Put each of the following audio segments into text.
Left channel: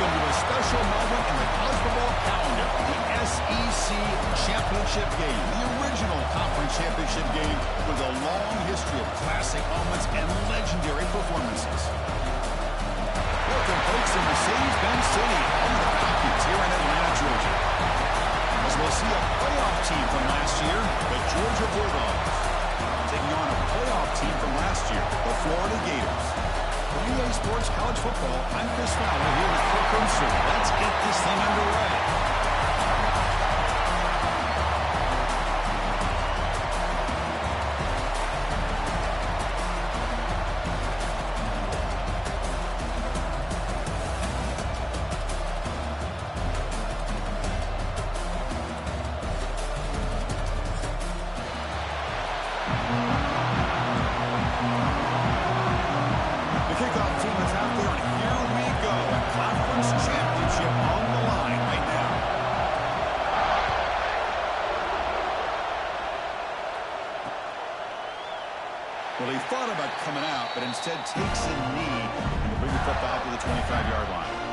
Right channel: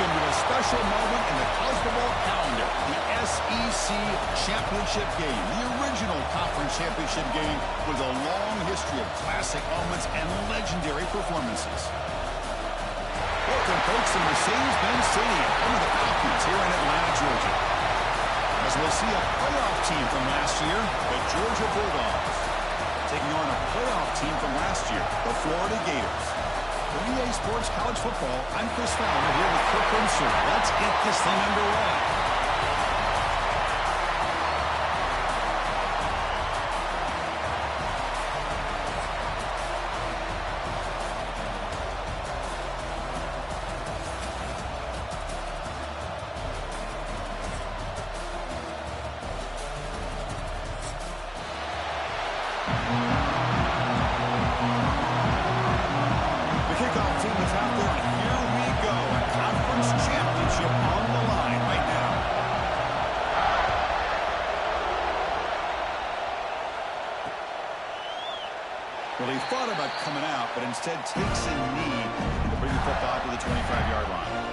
Welcome to a special moment in the college football calendar, the SEC Championship game, the original conference championship game with a long history of classic moments and legendary performances. Welcome, folks, to Mercedes-Benz Stadium, home of the Falcons here in Atlanta, Georgia. As we'll see a playoff team from last year, the Georgia Bulldogs, taking on a playoff team from last year, the Florida Gators. For EA Sports College Football, I'm Chris Fowler here with Kirk Unser. Let's get this thing underway. Kickoff team is out there, and here we go. A conference championship on the line right now. Well, he thought about coming out, but instead takes a knee and to bring the football to the 25-yard line.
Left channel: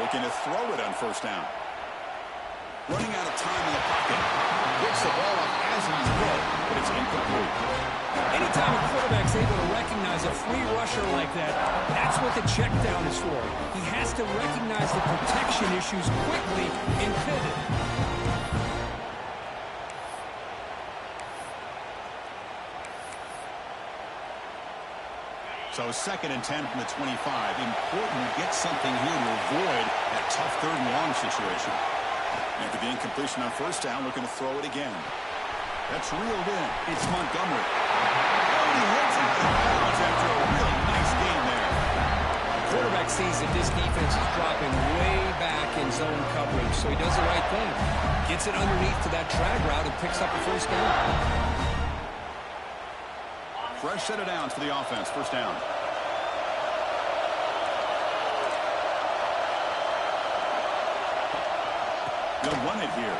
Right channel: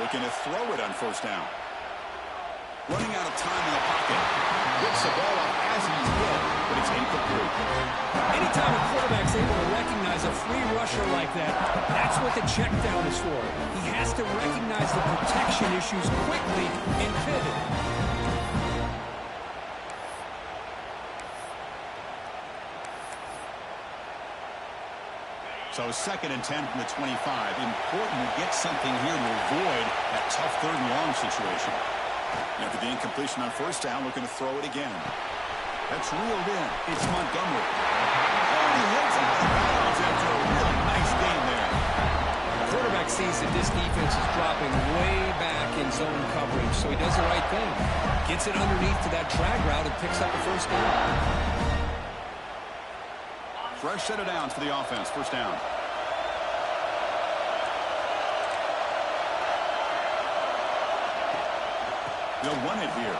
Looking to throw it on first down. Running out of time in the pocket. Picks the ball up as he's hit, but it's incomplete. Anytime a quarterback's able to recognize a free rusher like that, that's what the check down is for. He has to recognize the protection issues quickly and pivot. So 2nd and 10 from the 25. Important to get something here to avoid that tough 3rd and long situation. After the incompletion on first down, looking to throw it again. That's reeled in. It's Montgomery. And he hits out of bounds after a really nice gain there. The quarterback sees that this defense is dropping way back in zone coverage, so he does the right thing. Gets it underneath to that drag route and picks up a first down. Fresh set of downs for the offense. First down. They'll run it here.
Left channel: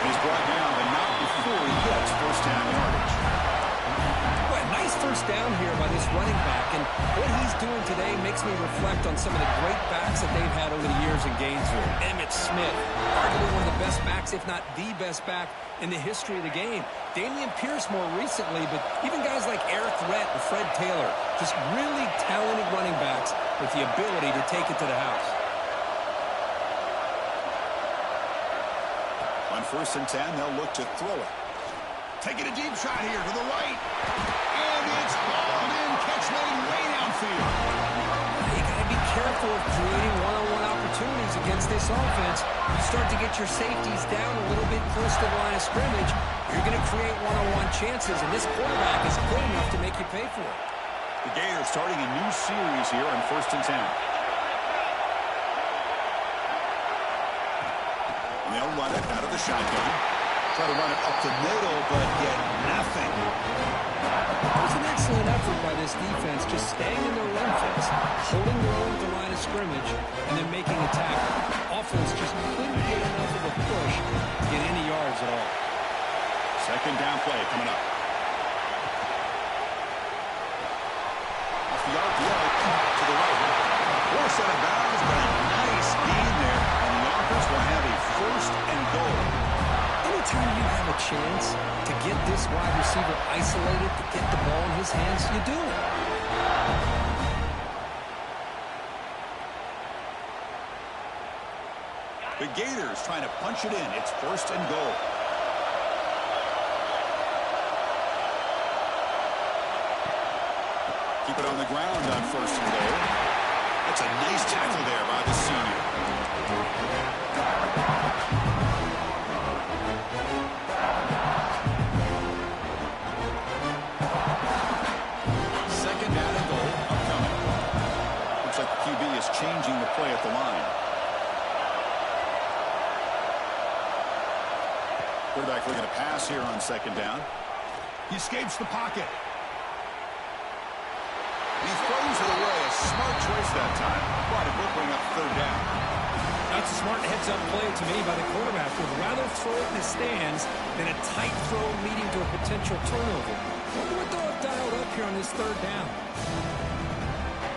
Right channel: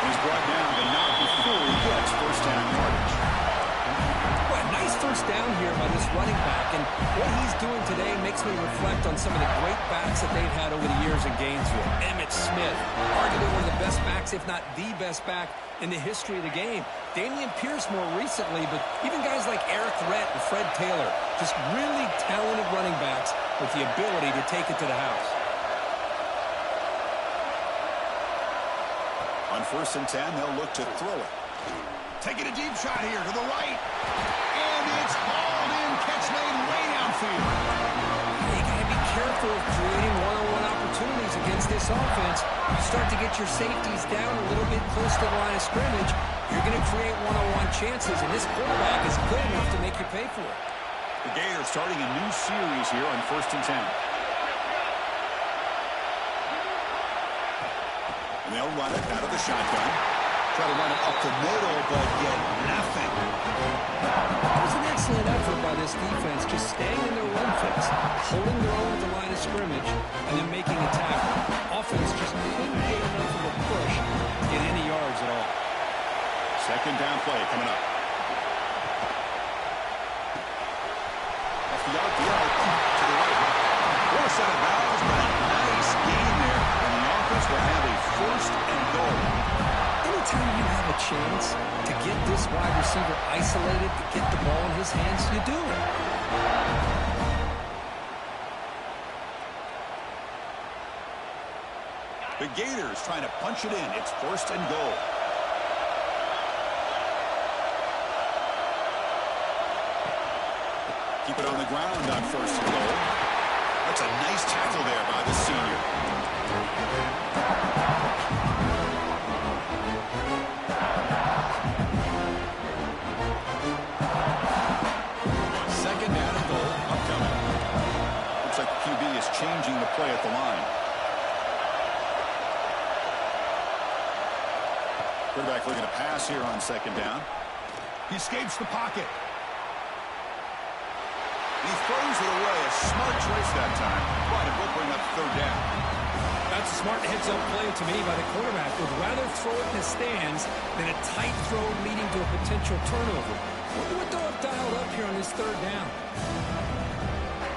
And he's brought down, but not before he gets first down yardage. Well, nice first down here by this running back, and what he's doing today makes me reflect on some of the great backs that they've had over the years in Gainesville. Emmitt Smith, arguably one of the best backs, if not the best back in the history of the game. Damian Pierce more recently, but even guys like Eric Rhett and Fred Taylor, just really talented running backs with the ability to take it to the house. On 1st and 10, they'll look to throw it. Taking a deep shot here to the right. And it's hauled in. Catch made way downfield. You got to be careful of creating one-on-one opportunities against this offense. You start to get your safeties down a little bit close to the line of scrimmage, you're going to create one-on-one chances, and this quarterback is good enough to make you pay for it. The Gators starting a new series here on 1st and 10. And they'll run it out of the shotgun. Try to run it up the middle, but get nothing. It was an excellent effort by this defense, just staying in their run fence, holding their own at the line of scrimmage, and then making a tackle. Offense just couldn't get enough of a push to get any yards at all. 2nd down play coming up. Off the RPO to the right. Poor set of bounds, but a nice gain there, and the offense will have a 1st and goal. Anytime you have a chance to get this wide receiver isolated, to get the ball in his hands, you do it. The Gators trying to punch it in. It's 1st and goal. Keep it on the ground on 1st and goal. That's a nice tackle there by the senior. QB is changing the play at the line. Quarterback looking to pass here on second down. He escapes the pocket. He throws it away. A smart choice that time. But it will bring up third down. That's a smart heads-up play to me by the quarterback. Would rather throw it in the stands than a tight throw leading to a potential turnover. Wonder what they'll have dialed up here on this third down.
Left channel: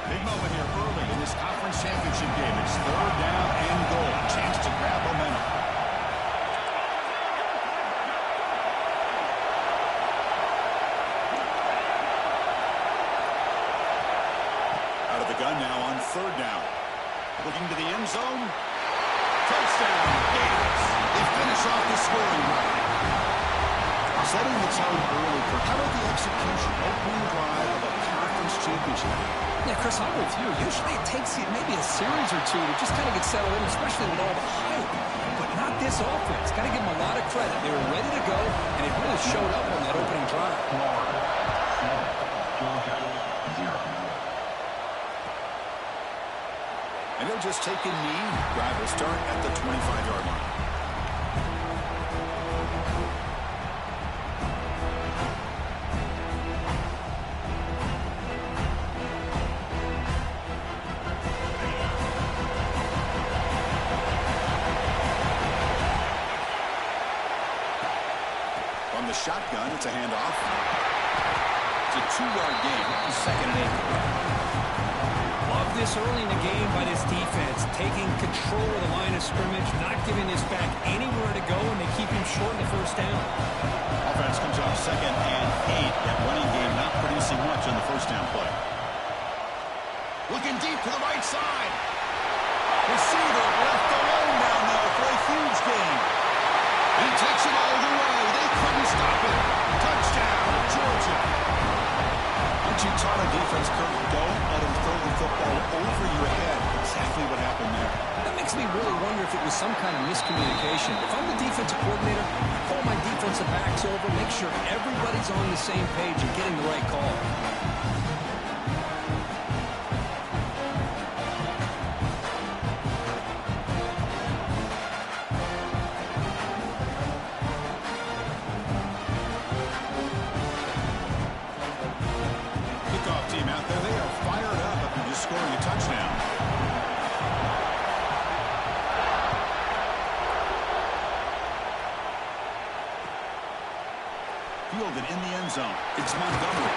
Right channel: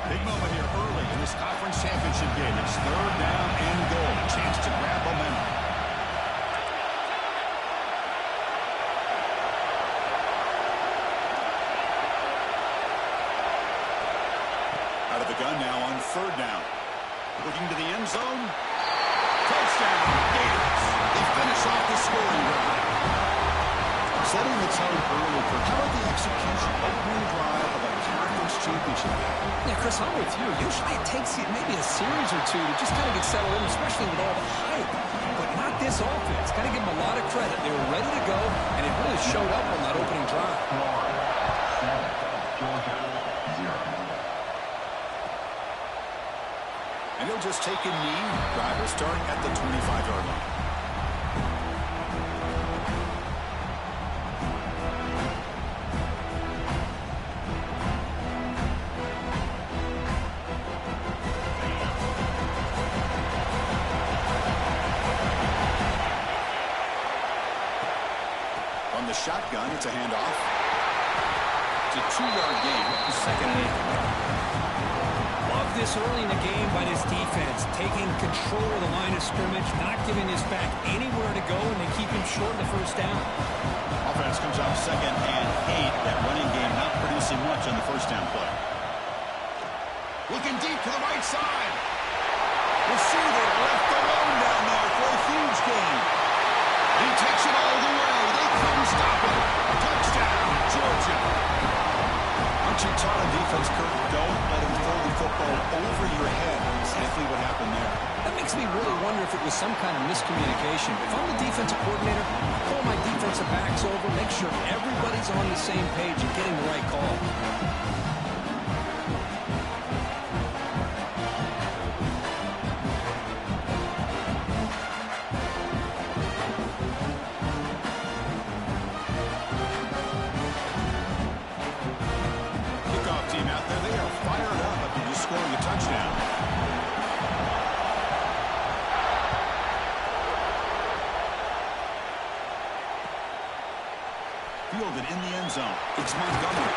Big moment here early in this conference championship game. It's third down and goal. A chance to grab momentum. Out of the gun now on third down. Looking to the end zone. Touchdown, Gators. They finish off the scoring drive. Setting the tone early for how about the execution, opening drive of a conference championship. Yeah, Chris, I'm with you. Usually it takes maybe a series or two to just kind of get settled in, especially with all the hype. But not this offense. Got to give them a lot of credit. They were ready to go, and it really showed up on that opening drive. Georgia, 0. And he'll just take a knee. Drive will start at the 25-yard line. From the shotgun, it's a handoff. It's a 2-yard gain. Second and 8. Love this early in the game by this defense, taking control of the line of scrimmage, not giving this back anywhere to go, and they keep him short of the first down. Offense comes up second and 8. That running game not producing much on the first down play. Looking deep to the right side. Receiver left alone down there for a huge gain. And he takes it all the way. They couldn't stop it. Touchdown, Georgia. Aren't you taught on defense, Kurt? Don't let him throw the football over your head. Exactly what happened there. That makes me really wonder if it was some kind of miscommunication. If I'm the defensive coordinator, I pull my defensive backs over, make sure everybody's on the same page and getting the right call. Team out there, they are fired up after just scoring a touchdown. Fielded in the end zone. It's Montgomery.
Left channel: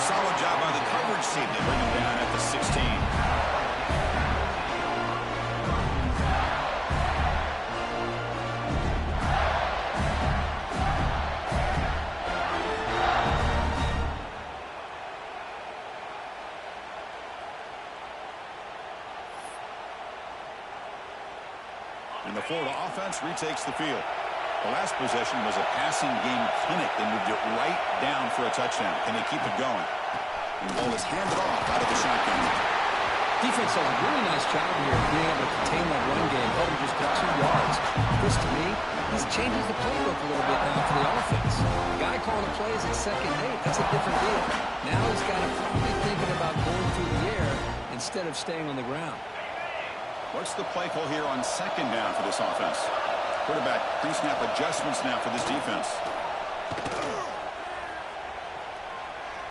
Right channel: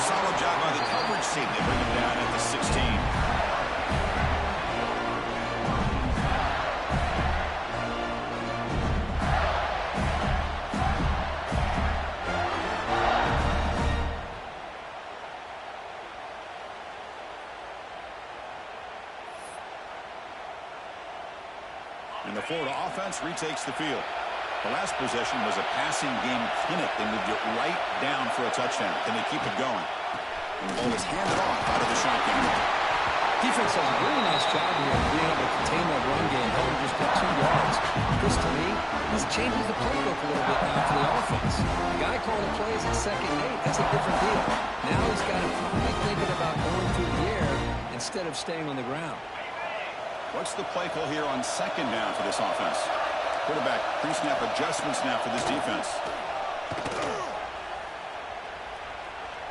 Solid job by the coverage team. They bring him down at the 16. And the Florida offense retakes the field. The last possession was a passing game clinic. They moved it right down for a touchdown. Can they keep it going? And the ball is handed off out of the shotgun. Defense does a really nice job here of being able to contain that run game, held him just for 2 yards. This, to me, this changes the playbook a little bit now for the offense. The guy calling the plays at second and 8, that's a different deal. Now he's got him probably thinking about going through the air instead of staying on the ground. What's the play call here on second down for this offense? Quarterback pre-snap adjustments now for this defense.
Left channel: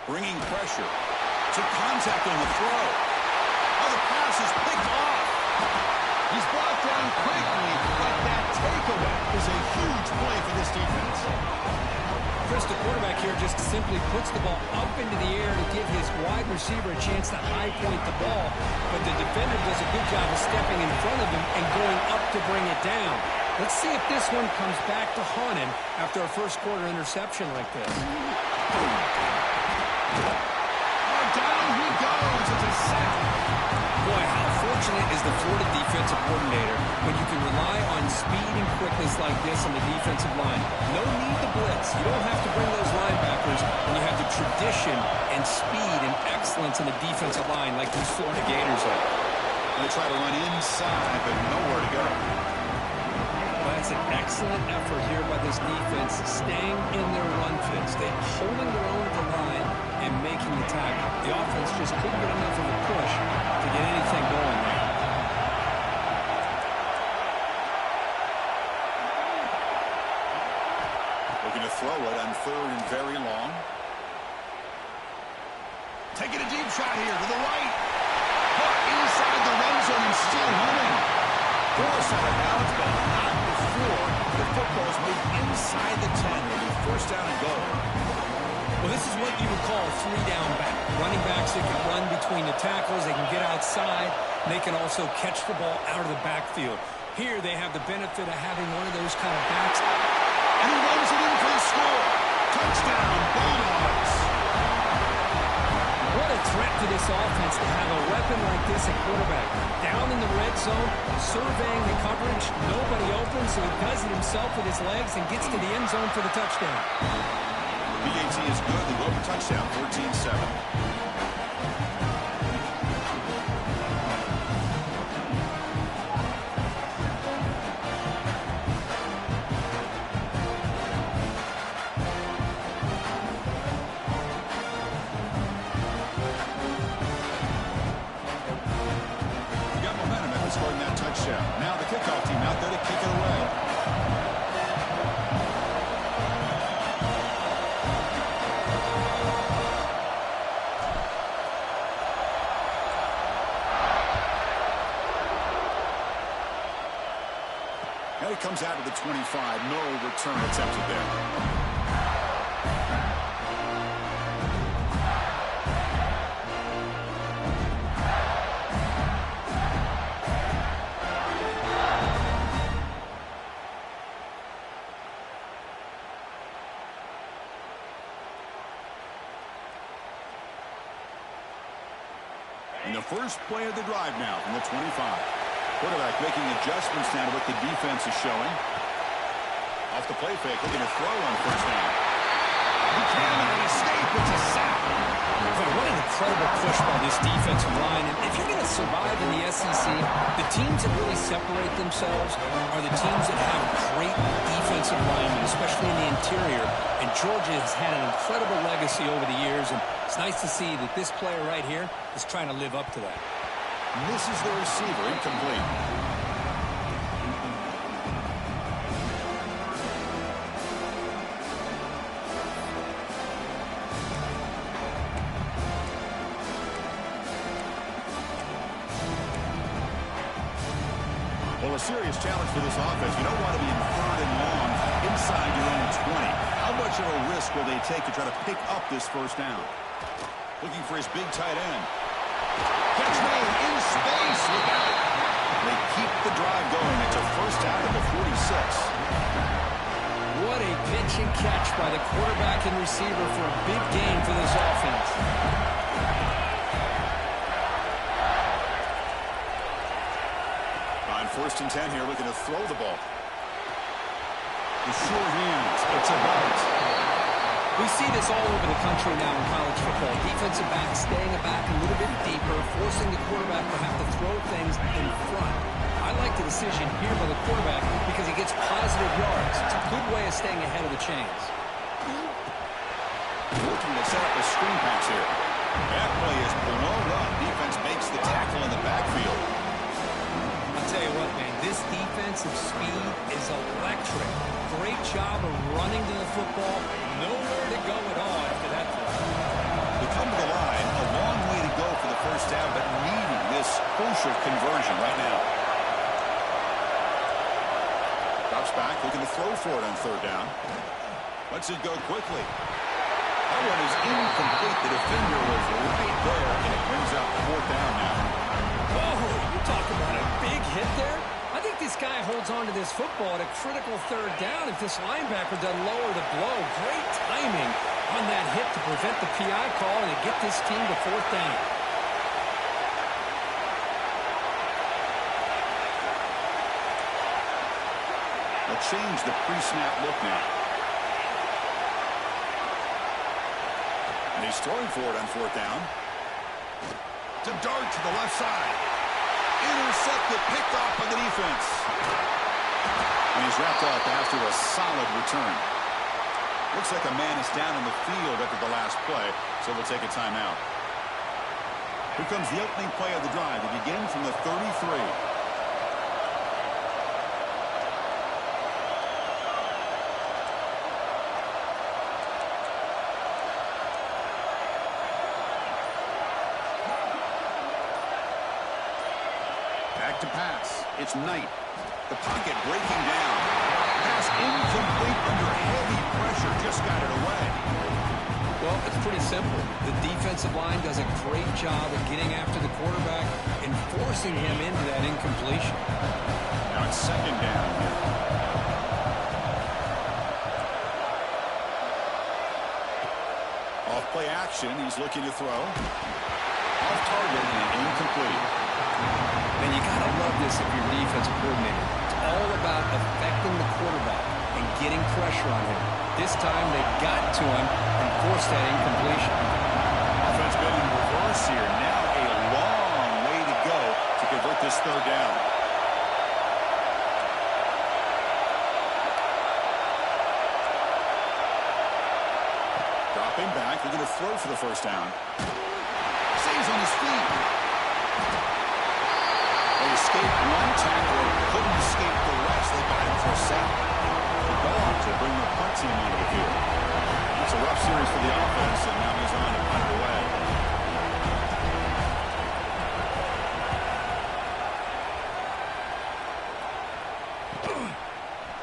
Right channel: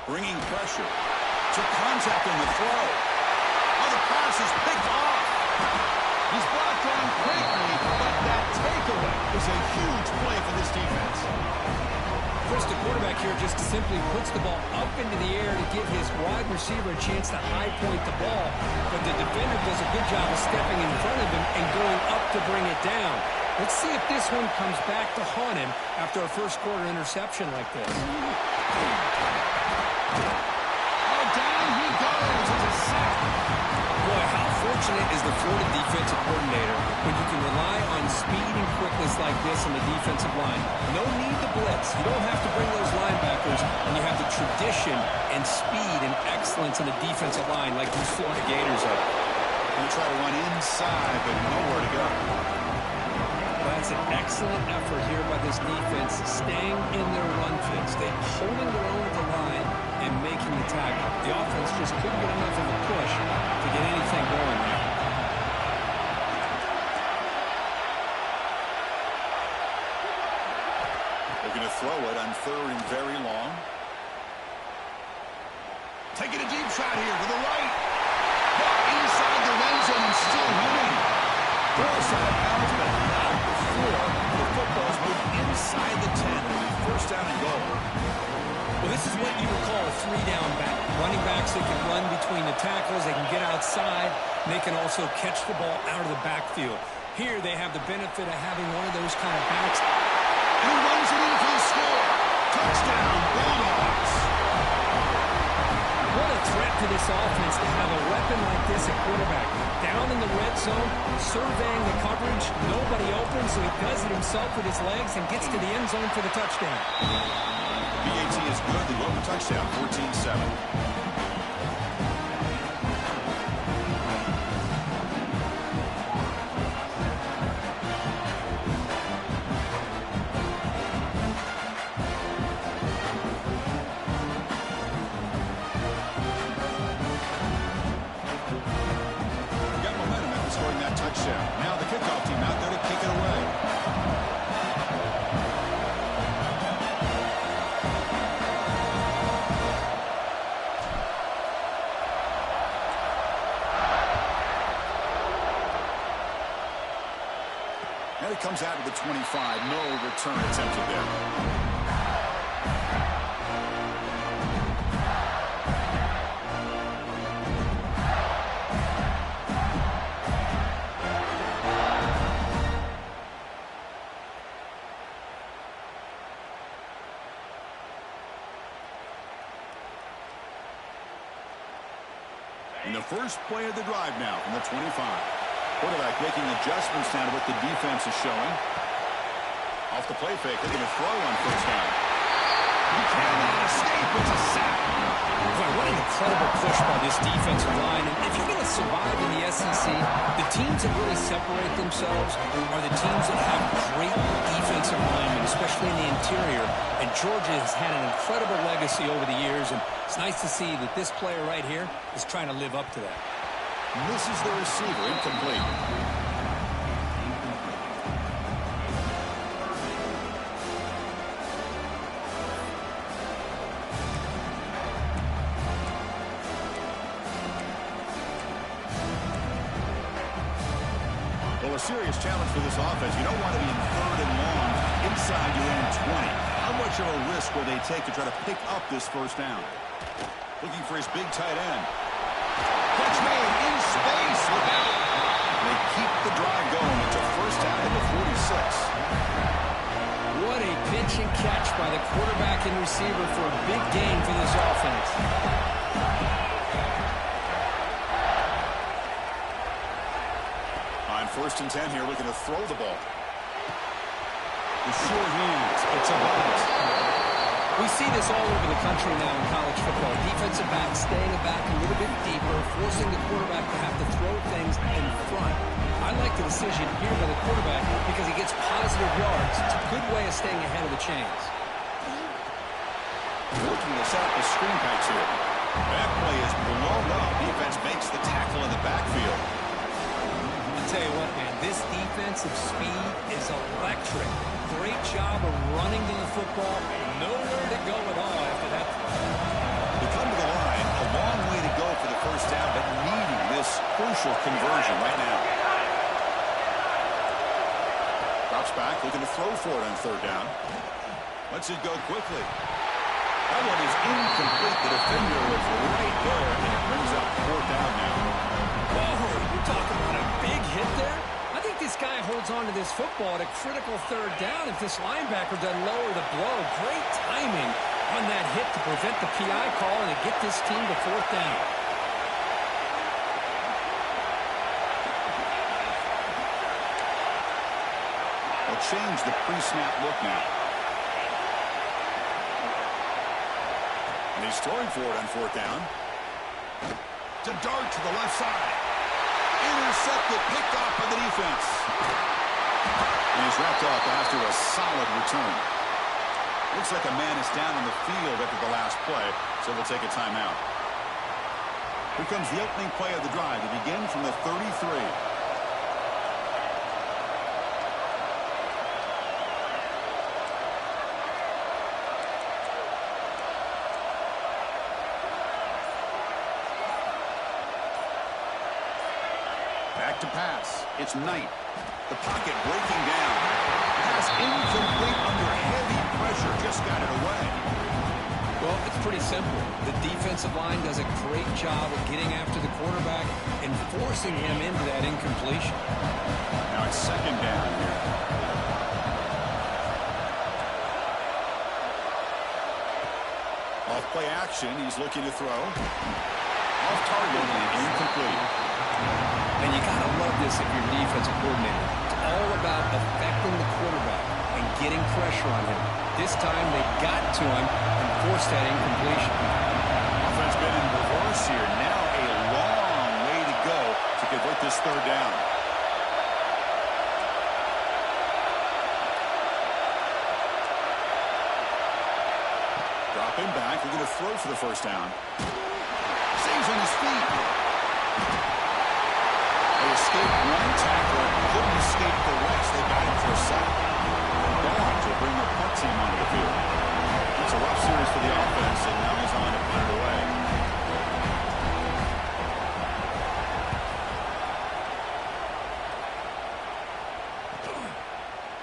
Bringing pressure. Took contact on the throw. Oh, the pass is picked off. He's brought down quickly, but that takeaway is a huge play for this defense. Chris, the quarterback here just simply puts the ball up into the air to give his wide receiver a chance to high point the ball, but the defender does a good job of stepping in front of him and going up to bring it down. Let's see if this one comes back to haunt him after a first-quarter interception like this. Oh, down he goes. It's a sack. Boy, how fortunate is the Florida defensive coordinator when you can rely on speed and quickness like this on the defensive line. No need to blitz. You don't have to bring those linebackers when you have the tradition and speed and excellence in the defensive line like these Florida Gators are. Going to try to run inside, but nowhere to go. Well, that's an excellent effort here by this defense, staying in their run fits. They're holding their own at the line and making the tackle. The offense just couldn't get enough of a push to get anything going there. Looking to throw it on 3rd and very long. Taking a deep shot here to the right. But inside the red zone and still running. Forced out of balance, but not before the football's moved inside the 10. It'll be 1st down and goal. Well, this is what you would call a 3-down back. Running backs that can run between the tackles, they can get outside, and they can also catch the ball out of the backfield. Here they have the benefit of having one of those kind of backs. And he runs it in for the score. Touchdown, Bulldogs. What a threat to this offense to have a weapon like this at quarterback. Down in the red zone, surveying the coverage, nobody open, so he does it himself with his legs and gets to the end zone for the touchdown. BAT is good. They go for touchdown, 14-7. Got momentum after scoring that touchdown. Now the kickoff team out there to kick it away. And it comes out of the 25. No return attempted there. And the first play of the drive now from the 25. Quarterback making adjustments now to what the defense is showing. Off the play fake, looking to throw on 1st down. He cannot escape. It's a sack. Boy, what an incredible push by this defensive line. And if you're going to survive in the SEC, the teams that really separate themselves are the teams that have great defensive linemen, especially in the interior. And Georgia has had an incredible legacy over the years, and it's nice to see that this player right here is trying to live up to that. Misses the receiver, incomplete. Well, a serious challenge for this offense. You don't want to be in 3rd and long inside your own 20. How much of a risk will they take to try to pick up this 1st down? Looking for his big tight end. Catch made in space. Look out. They keep the drive going. It's a 1st down at the 46. What a pitch and catch by the quarterback and receiver for a big gain for this offense. On 1st and 10 here, looking to throw the ball. The sure hands. It's a bunt. We see this all over the country now in college football. Defensive backs staying back a little bit deeper, forcing the quarterback to have to throw things in front. I like the decision here by the quarterback because he gets positive yards. It's a good way of staying ahead of the chains. Looking to set up a screen pass here. That play is blown up. Defense makes the tackle in the backfield. I'll tell you what, man, this defensive speed is electric. Great job of running to the football. Nowhere to go at all after that throw. They come to the line, a long way to go for the 1st down, but needing this crucial conversion right now. Drops back, looking to throw for it on 3rd down. Lets it go quickly. That one is incomplete. The defender was right there, and it brings up 4th down now. Whoa, you talk about a big hit there? I think this guy holds on to this football at a critical 3rd down if this linebacker doesn't lower the blow. Great timing on that hit to prevent the PI call and to get this team to 4th down. They'll change the pre-snap look now. And he's throwing for it on 4th down. To dart to the left side. Intercepted, picked off by the defense. And he's wrapped up after a solid return. Looks like a man is down on the field after the last play, so we'll take a timeout. Here comes the opening play of the drive to begin from the 33. Back to pass. It's Knight. The pocket breaking down. Pass incomplete under heavy pressure. Just got it away. Well, it's pretty simple. The defensive line does a great job of getting after the quarterback and forcing him into that incompletion. Now it's second down here. Off play action. He's looking to throw. Off target and incomplete. And you got to love this if you're defensive coordinator. It's all about affecting the quarterback and getting pressure on him. This time they got to him and forced that incompletion. Offense been in reverse here. Now a long way to go to convert this third down. Dropping back. They're going to throw for the first down. Stays on his feet. They escaped one tackler, couldn't escape the rest. They got him for a sack. Go on to bring their punt team onto the field. It's a rough series for the offense, and now he's on to punt it away.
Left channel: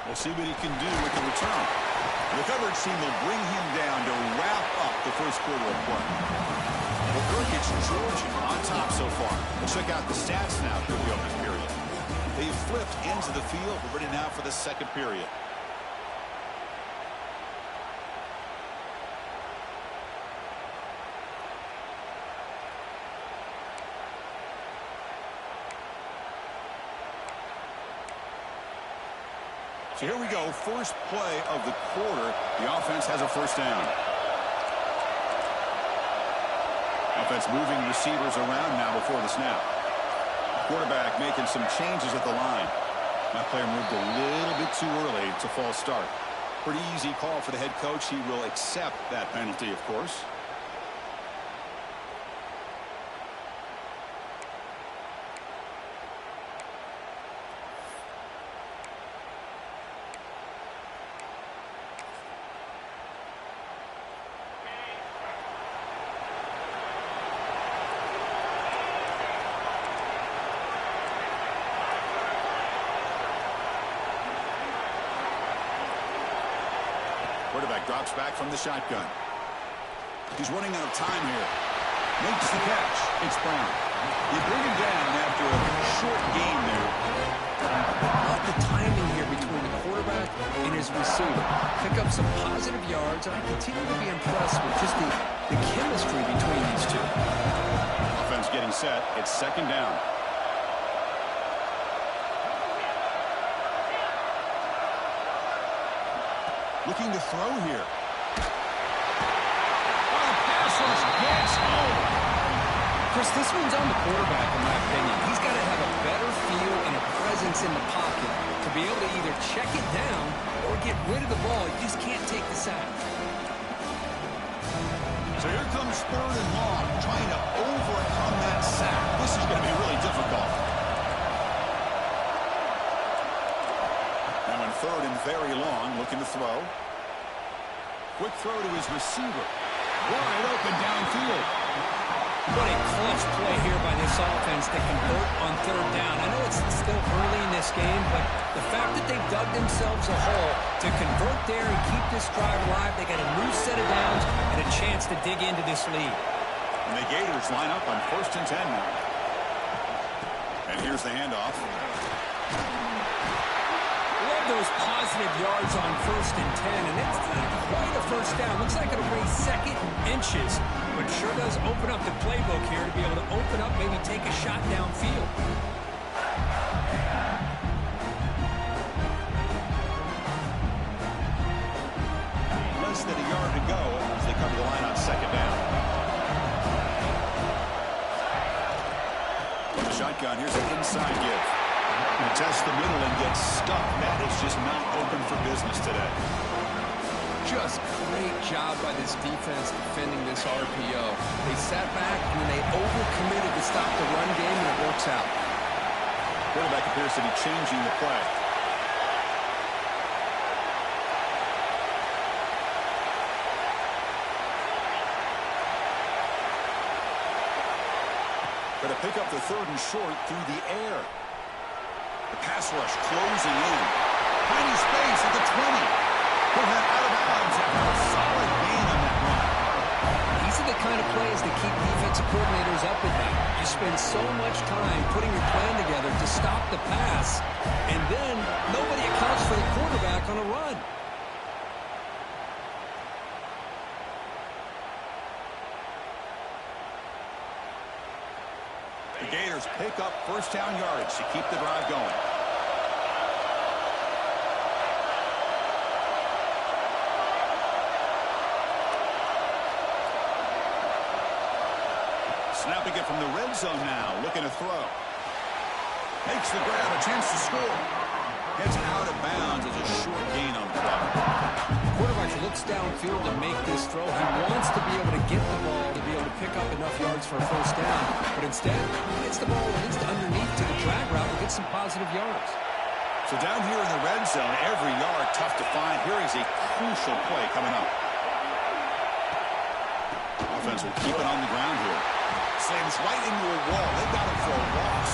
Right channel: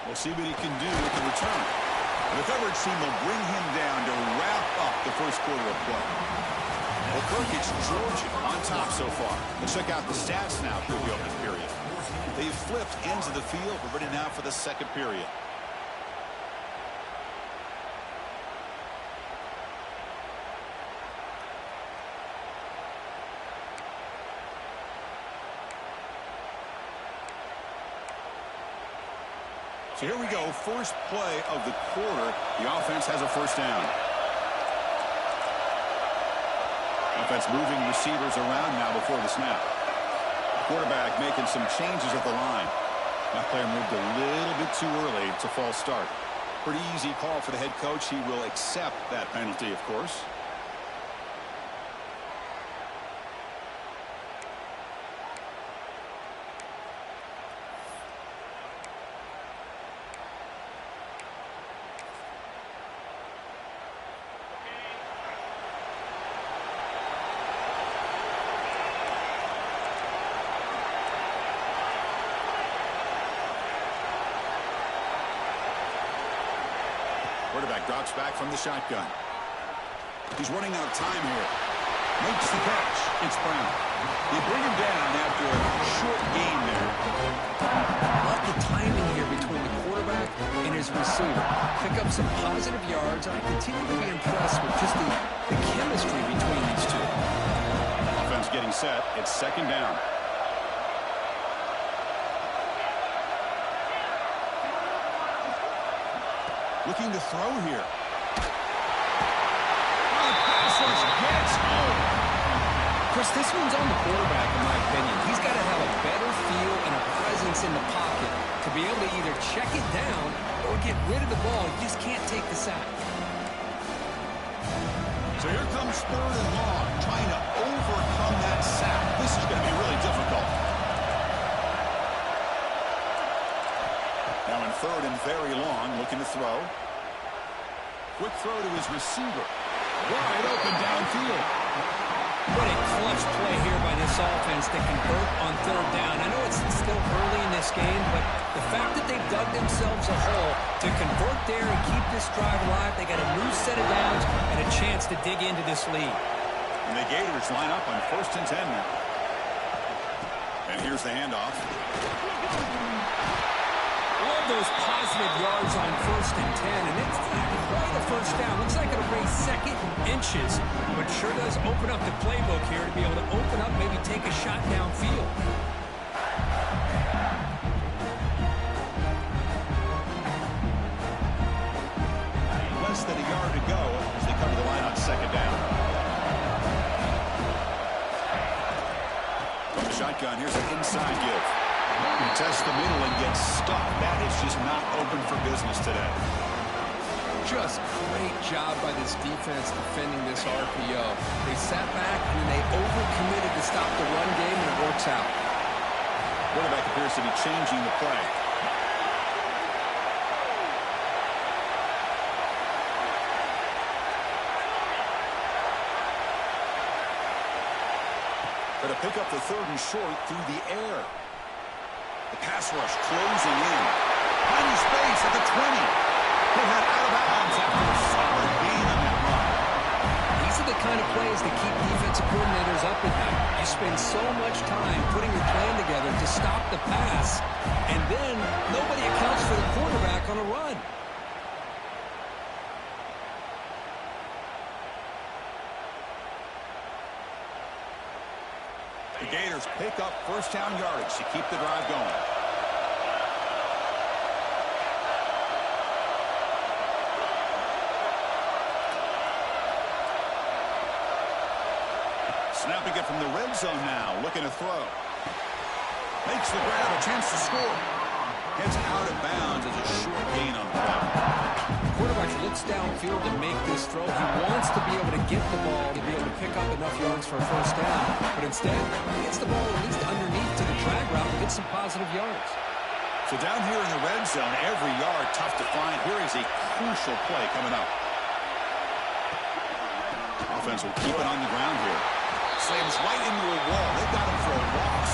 We'll see what he can do with the return. The coverage team will bring him down to wrap up the first quarter of play. Well, Kirk, it's Georgia on top so far. Let's check out the stats now through the opening period. They've flipped ends of the field. We're ready now for the second period. So here we go. First play of the quarter. The offense has a first down. Offense moving receivers around now before the snap. Quarterback making some changes at the line. That player moved a little bit too early. It's a false start. Pretty easy call for the head coach. He will accept that penalty, of course. Quarterback drops back from the shotgun. He's running out of time here. Makes the catch. It's Brown. You bring him down after a short gain there. Love the timing here between the quarterback and his receiver. Pick up some positive yards, and I continue to be impressed with just the chemistry between these two. Offense getting set. It's second down. Looking to throw here. Oh, the pass rush gets home. Chris, this one's on the quarterback, in my opinion. He's got to have a better feel and a presence in the pocket to be able to either check it down or get rid of the ball. You just can't take the sack. So here comes third and long, trying to overcome that sack. This is going to be really difficult. Now in third and very long, looking to throw. Quick throw to his receiver. Wide open downfield. What a clutch play here by this offense to convert on third down. I know it's still early in this game, but the fact that they've dug themselves a hole to convert there and keep this drive alive, they got a new set of downs and a chance to dig into this lead. And the Gators line up on 1st and 10 now. And here's the handoff. Love those positive yards on 1st and 10, and it's not quite a first down. Looks like it'll raise second inches, but sure does open up the playbook here to be able to open up, maybe take a shot downfield. Less than a yard to go as they come to the line on second down. From the shotgun, here's an inside give. Test the middle and get stuck. That is just not open for business today. Just great job by this defense defending this RPO. They sat back and then they overcommitted to stop the run game, and it works out. Quarterback appears to be changing the play. Going to pick up the third and short through the air. The pass rush closing in. Finding space at the 20. He'll head out of bounds after a solid gain on that run. These are the kind of plays that keep defensive coordinators up at night. You spend so much time putting your plan together to stop the pass, and then nobody accounts for the quarterback on a run. The Gators pick up first down yardage to keep the drive going. Snapping it from the red zone now, looking to throw. Makes the grab, a chance to score. Heads out of bounds as a short gain on the play. Quarterback looks downfield to make this throw. He wants to be able to get the ball to be able to pick up enough yards for a first down. But instead, he gets the ball at least underneath to the drag route and gets some positive yards. So down here in the red zone, every yard tough to find. Here is a crucial play coming up. Offense will keep it on the ground here. Slams right into a wall. They've got him for a loss.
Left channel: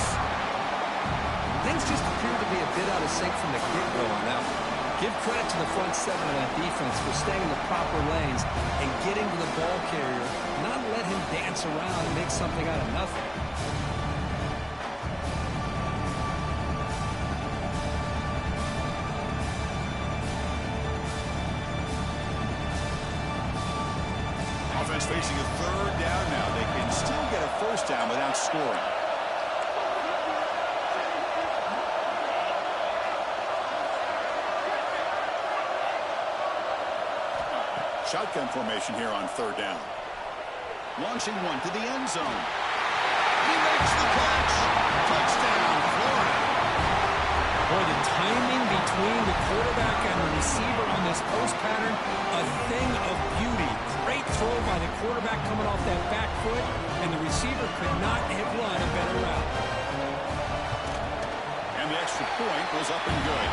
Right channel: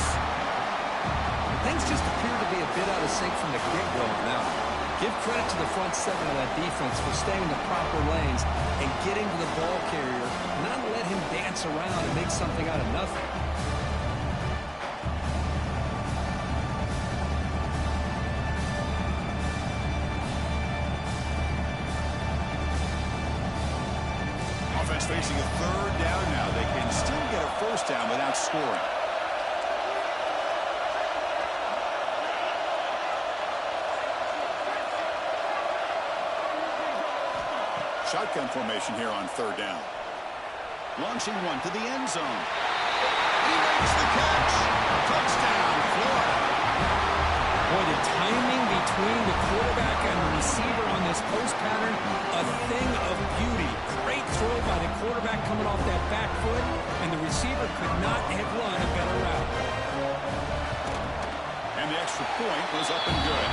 Things just appear to be a bit out of sync from the get-go on that one. Give credit to the front seven of that defense for staying in the proper lanes and getting to the ball carrier, not let him dance around and make something out of nothing. Offense facing a third down now. They can still get a first down without scoring. Shotgun formation here on third down. Launching one to the end zone. He makes the catch. Touchdown, Florida. Boy, the timing between the quarterback and the receiver on this post pattern, a thing of beauty. Great throw by the quarterback coming off that back foot, and the receiver could not have run a better route. And the extra point was up and good.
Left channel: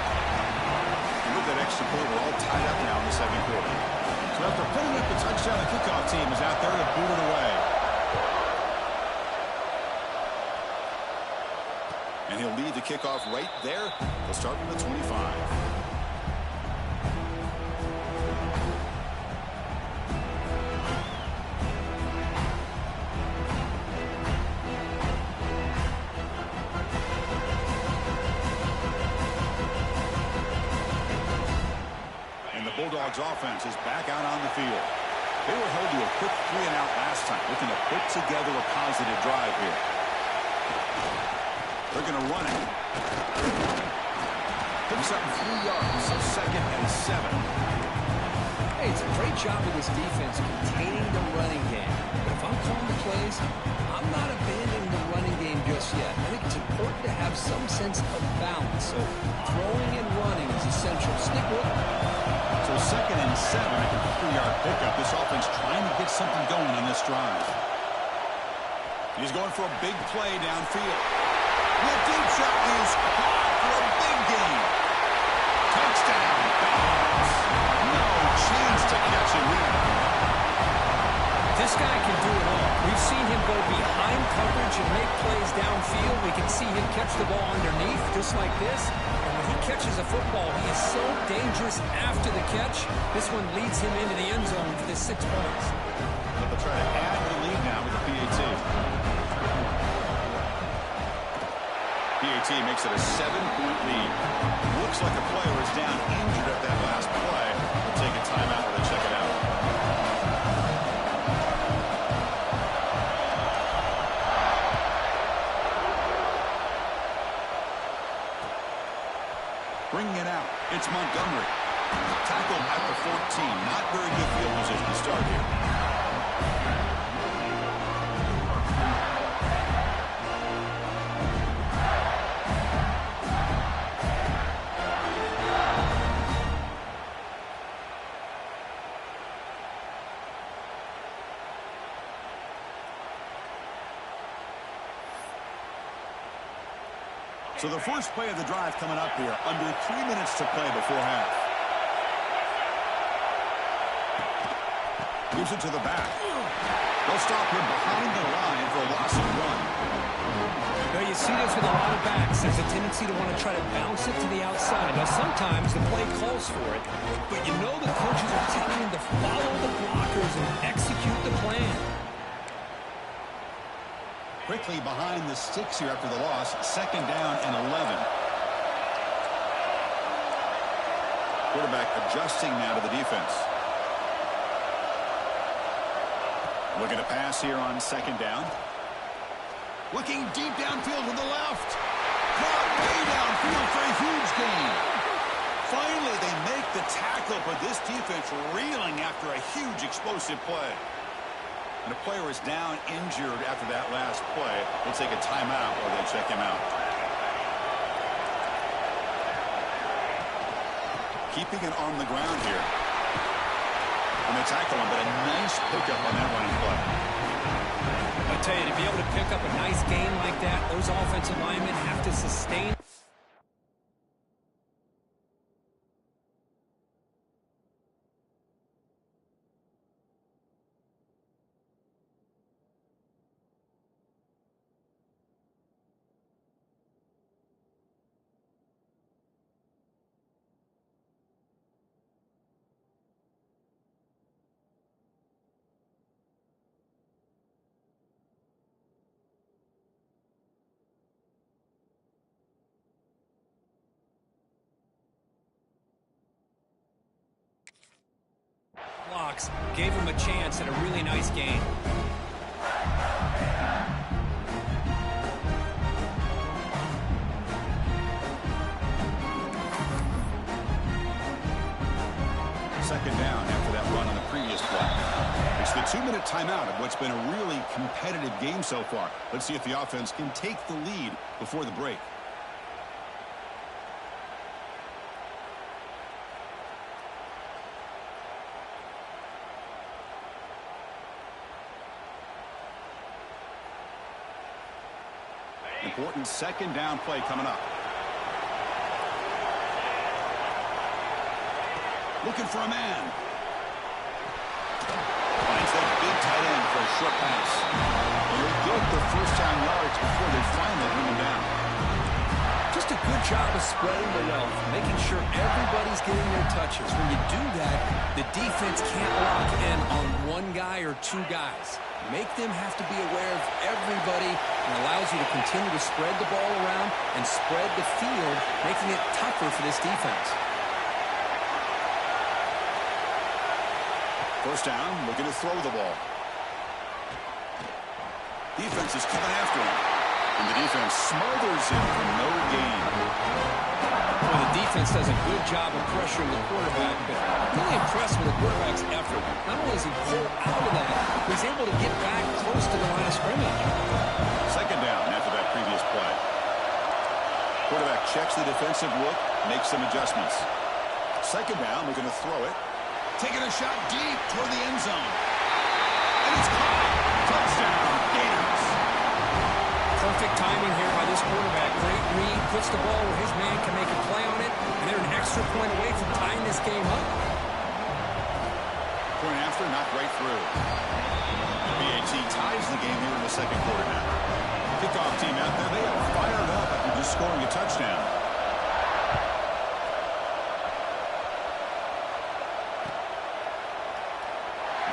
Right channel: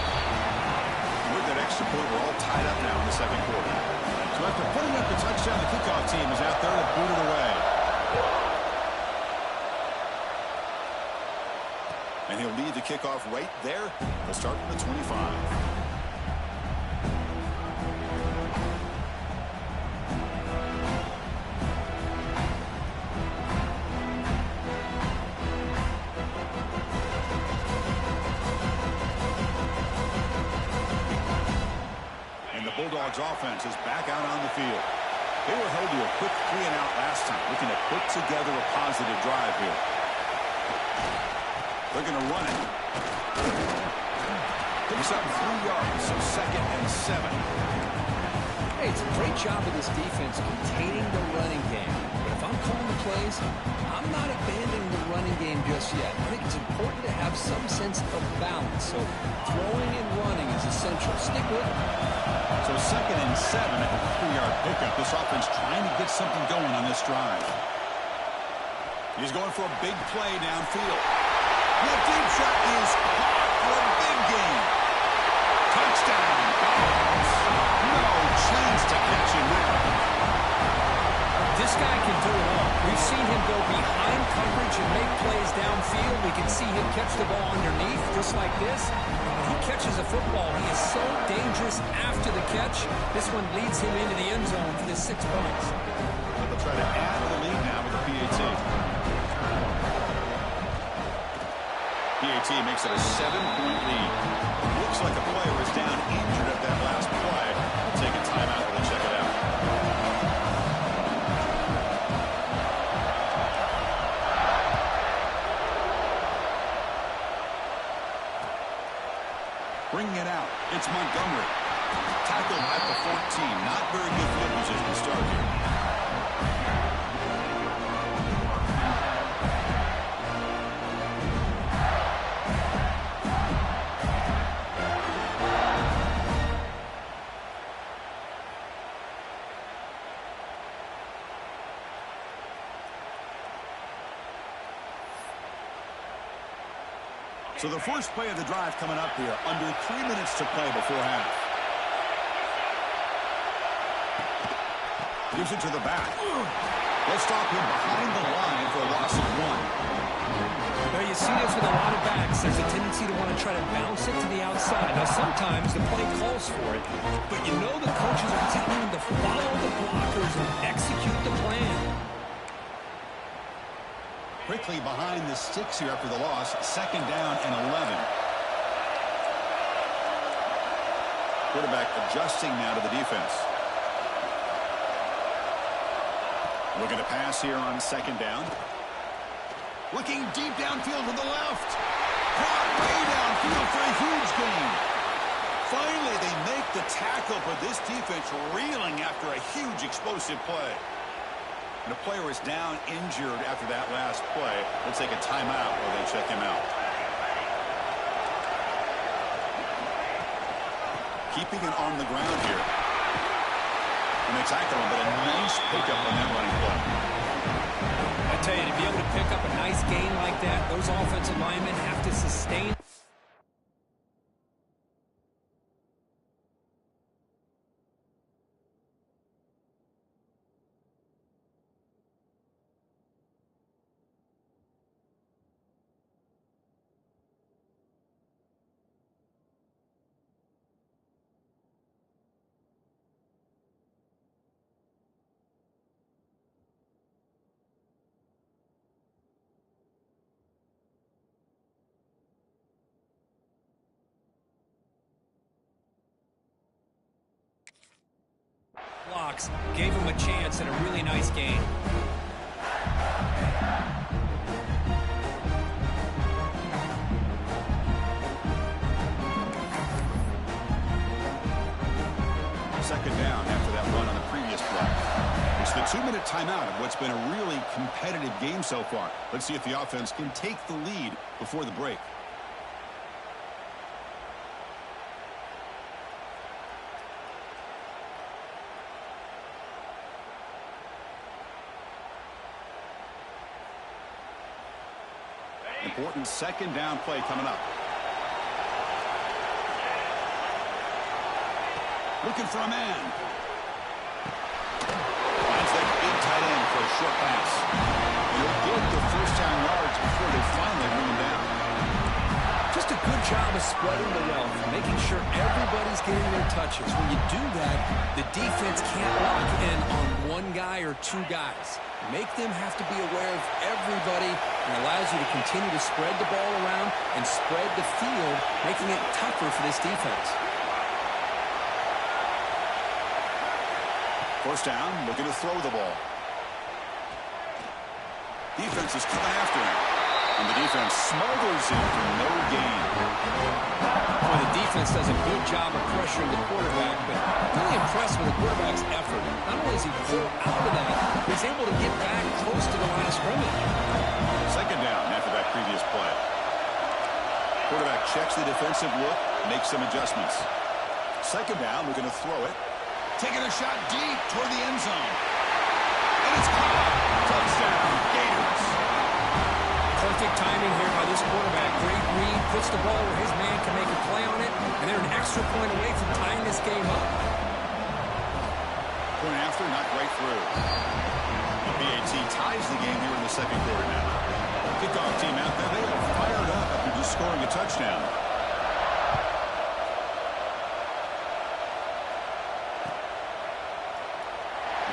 And with that extra point, we're all tied up now in the second quarter. So after putting up the touchdown, the kickoff team is out there to boot it away. And he'll lead the kickoff right there. He'll start from the 25. And the Bulldogs offense is back out on the field. They were held to a quick 3-and-out last time, looking to put together a positive drive here. They're going to run it. Picks up 3 yards, so 2nd and 7. Hey, it's a great job of this defense containing the running game. But if I'm calling the plays, I'm not abandoning the running game just yet. I think it's important to have some sense of balance. So throwing and running is essential. Stick with it. So 2nd and 7 after the 3-yard pickup. This offense trying to get something going on this drive. He's going for a big play downfield. The deep shot is caught for a big gain. Touchdown, Dogs. No chance to catch him there. This guy can do it all. We've seen him go behind coverage and make plays downfield. We can see him catch the ball underneath, just like this. And when he catches a football, he is so dangerous after the catch. This one leads him into the end zone for the 6 points. But they'll try to add to the lead now with the PAT. PAT makes it a 7-point lead. Looks like a player is down injured at that last play. We'll take a timeout while they check it out. Bringing it out, it's Montgomery. Tackled at the 14. Not very good field position to start here. So the first play of the drive coming up here, under 3 minutes to play before half. Gives it to the back. They'll stop him behind the line for a loss of 1. Well, you see this with a lot of backs. There's a tendency to want to try to bounce it to the outside. Now, sometimes the play calls for it, but you know the coaches are telling them to follow the blockers and execute the plan. Quickly behind the sticks here after the loss. 2nd down and 11. Quarterback adjusting now to the defense. Looking to pass here on 2nd down. Looking deep downfield to the left. Caught way downfield for a huge gain. Finally, they make the tackle, but this defense reeling after a huge explosive play. And a player is down injured after that last play. We'll take a timeout while they check him out. Keeping it on the ground here. And they tackle him, but a nice pickup on that running play. I tell you, to be able to pick up a nice gain like that, those offensive linemen have to sustain. Blocks gave him a chance at a really nice game. Second down after that run on the previous play. It's the 2-minute timeout of what's been a really competitive game so far. Let's see if the offense can take the lead before the break. Important 2nd down play coming up. Looking for a man. Finds that big tight end for a short pass. And he'll get the 1st down yards before they finally bring him down. Just a good job of spreading the wealth, making sure everybody's getting their touches. When you do that, the defense can't lock in on one guy or two guys. Make them have to be aware of everybody, and allows you to continue to spread the ball around and spread the field, making it tougher for this defense. 1st down, looking to throw the ball. Defense is coming after him. And the defense smothers him for no gain. Well, the defense does a good job of pressuring the quarterback, but really impressed with the quarterback's effort. Not only does he pull out of that, but he's able to get back close to the line of scrimmage. 2nd down after that previous play. Quarterback checks the defensive look, makes some adjustments. 2nd down, looking to throw it. Taking a shot deep toward the end zone. And it's caught. Touchdown, Gators. Perfect timing here by this quarterback. Great read, puts the ball where his man can make a play on it, and they're an extra point away from tying this game up. Point after, not right through. The BAT ties the game here in the 2nd quarter now. Kickoff team out there, they are fired up after just scoring a touchdown.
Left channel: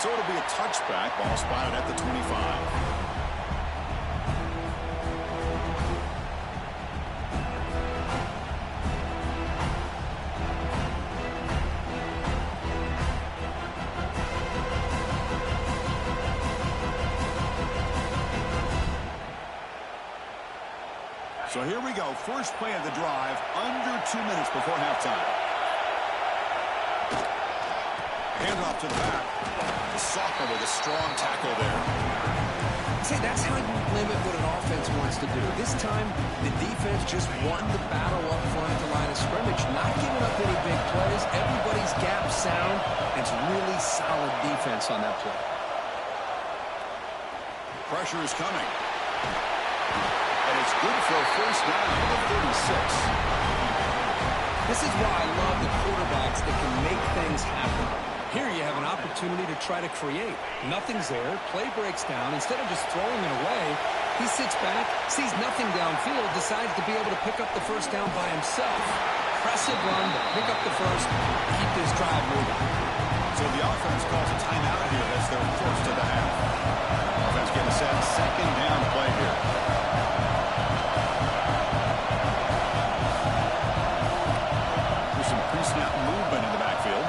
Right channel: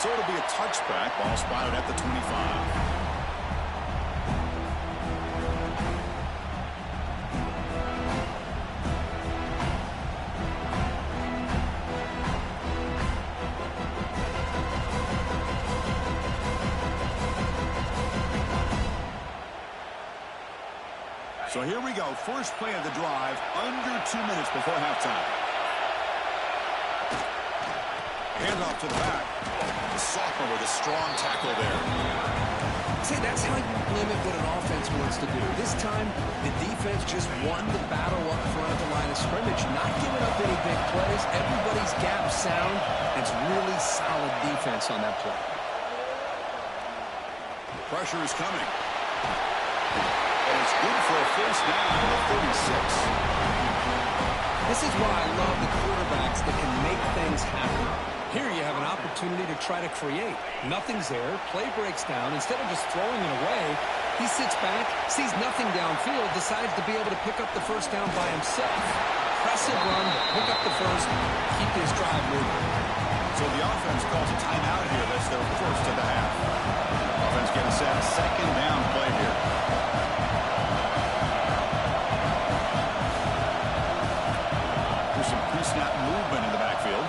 So it'll be a touchback, ball spotted at the 25. So here we go. First play of the drive, under 2 minutes before halftime. Handoff to the back. The sophomore with a strong tackle there. See, that's how you limit what an offense wants to do. This time, the defense just won the battle up front at the line of scrimmage, not giving up any big plays. Everybody's gap sound. It's really solid defense on that play. Pressure is coming. And it's good for a first down at the 36. This is why I love the quarterbacks that can make things happen. Here you have an opportunity to try to create. Nothing's there. Play breaks down. Instead of just throwing it away, He sits back, sees nothing downfield, decides to be able to pick up the first down by himself. Impressive run to pick up the first, keep this drive moving. So the offense calls a timeout here. That's their first of the half. Offense getting set. Second down play here. There's some pre-snap movement in the backfield.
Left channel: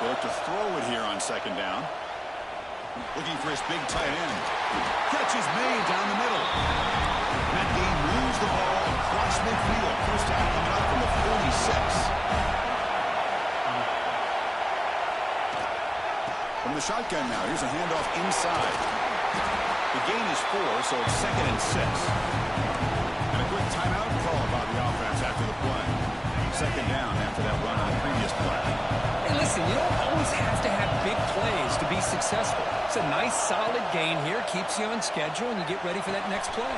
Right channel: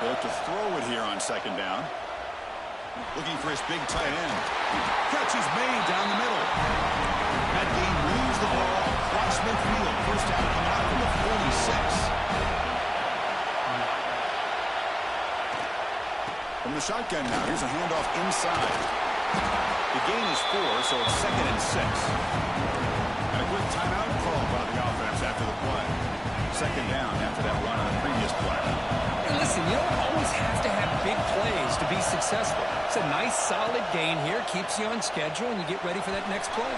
They look to throw it here on second down. Looking for his big tight end. Catch is made down the middle. That gain moves the ball across midfield. First down coming up from the 46. From the shotgun now, here's a handoff inside. The gain is 4, so it's 2nd and 6. And a quick timeout call by the offense after the play. Second down after that run on the previous play. Hey, listen, you don't always have to have big plays to be successful. It's a nice, solid gain here. Keeps you on schedule, and you get ready for that next play.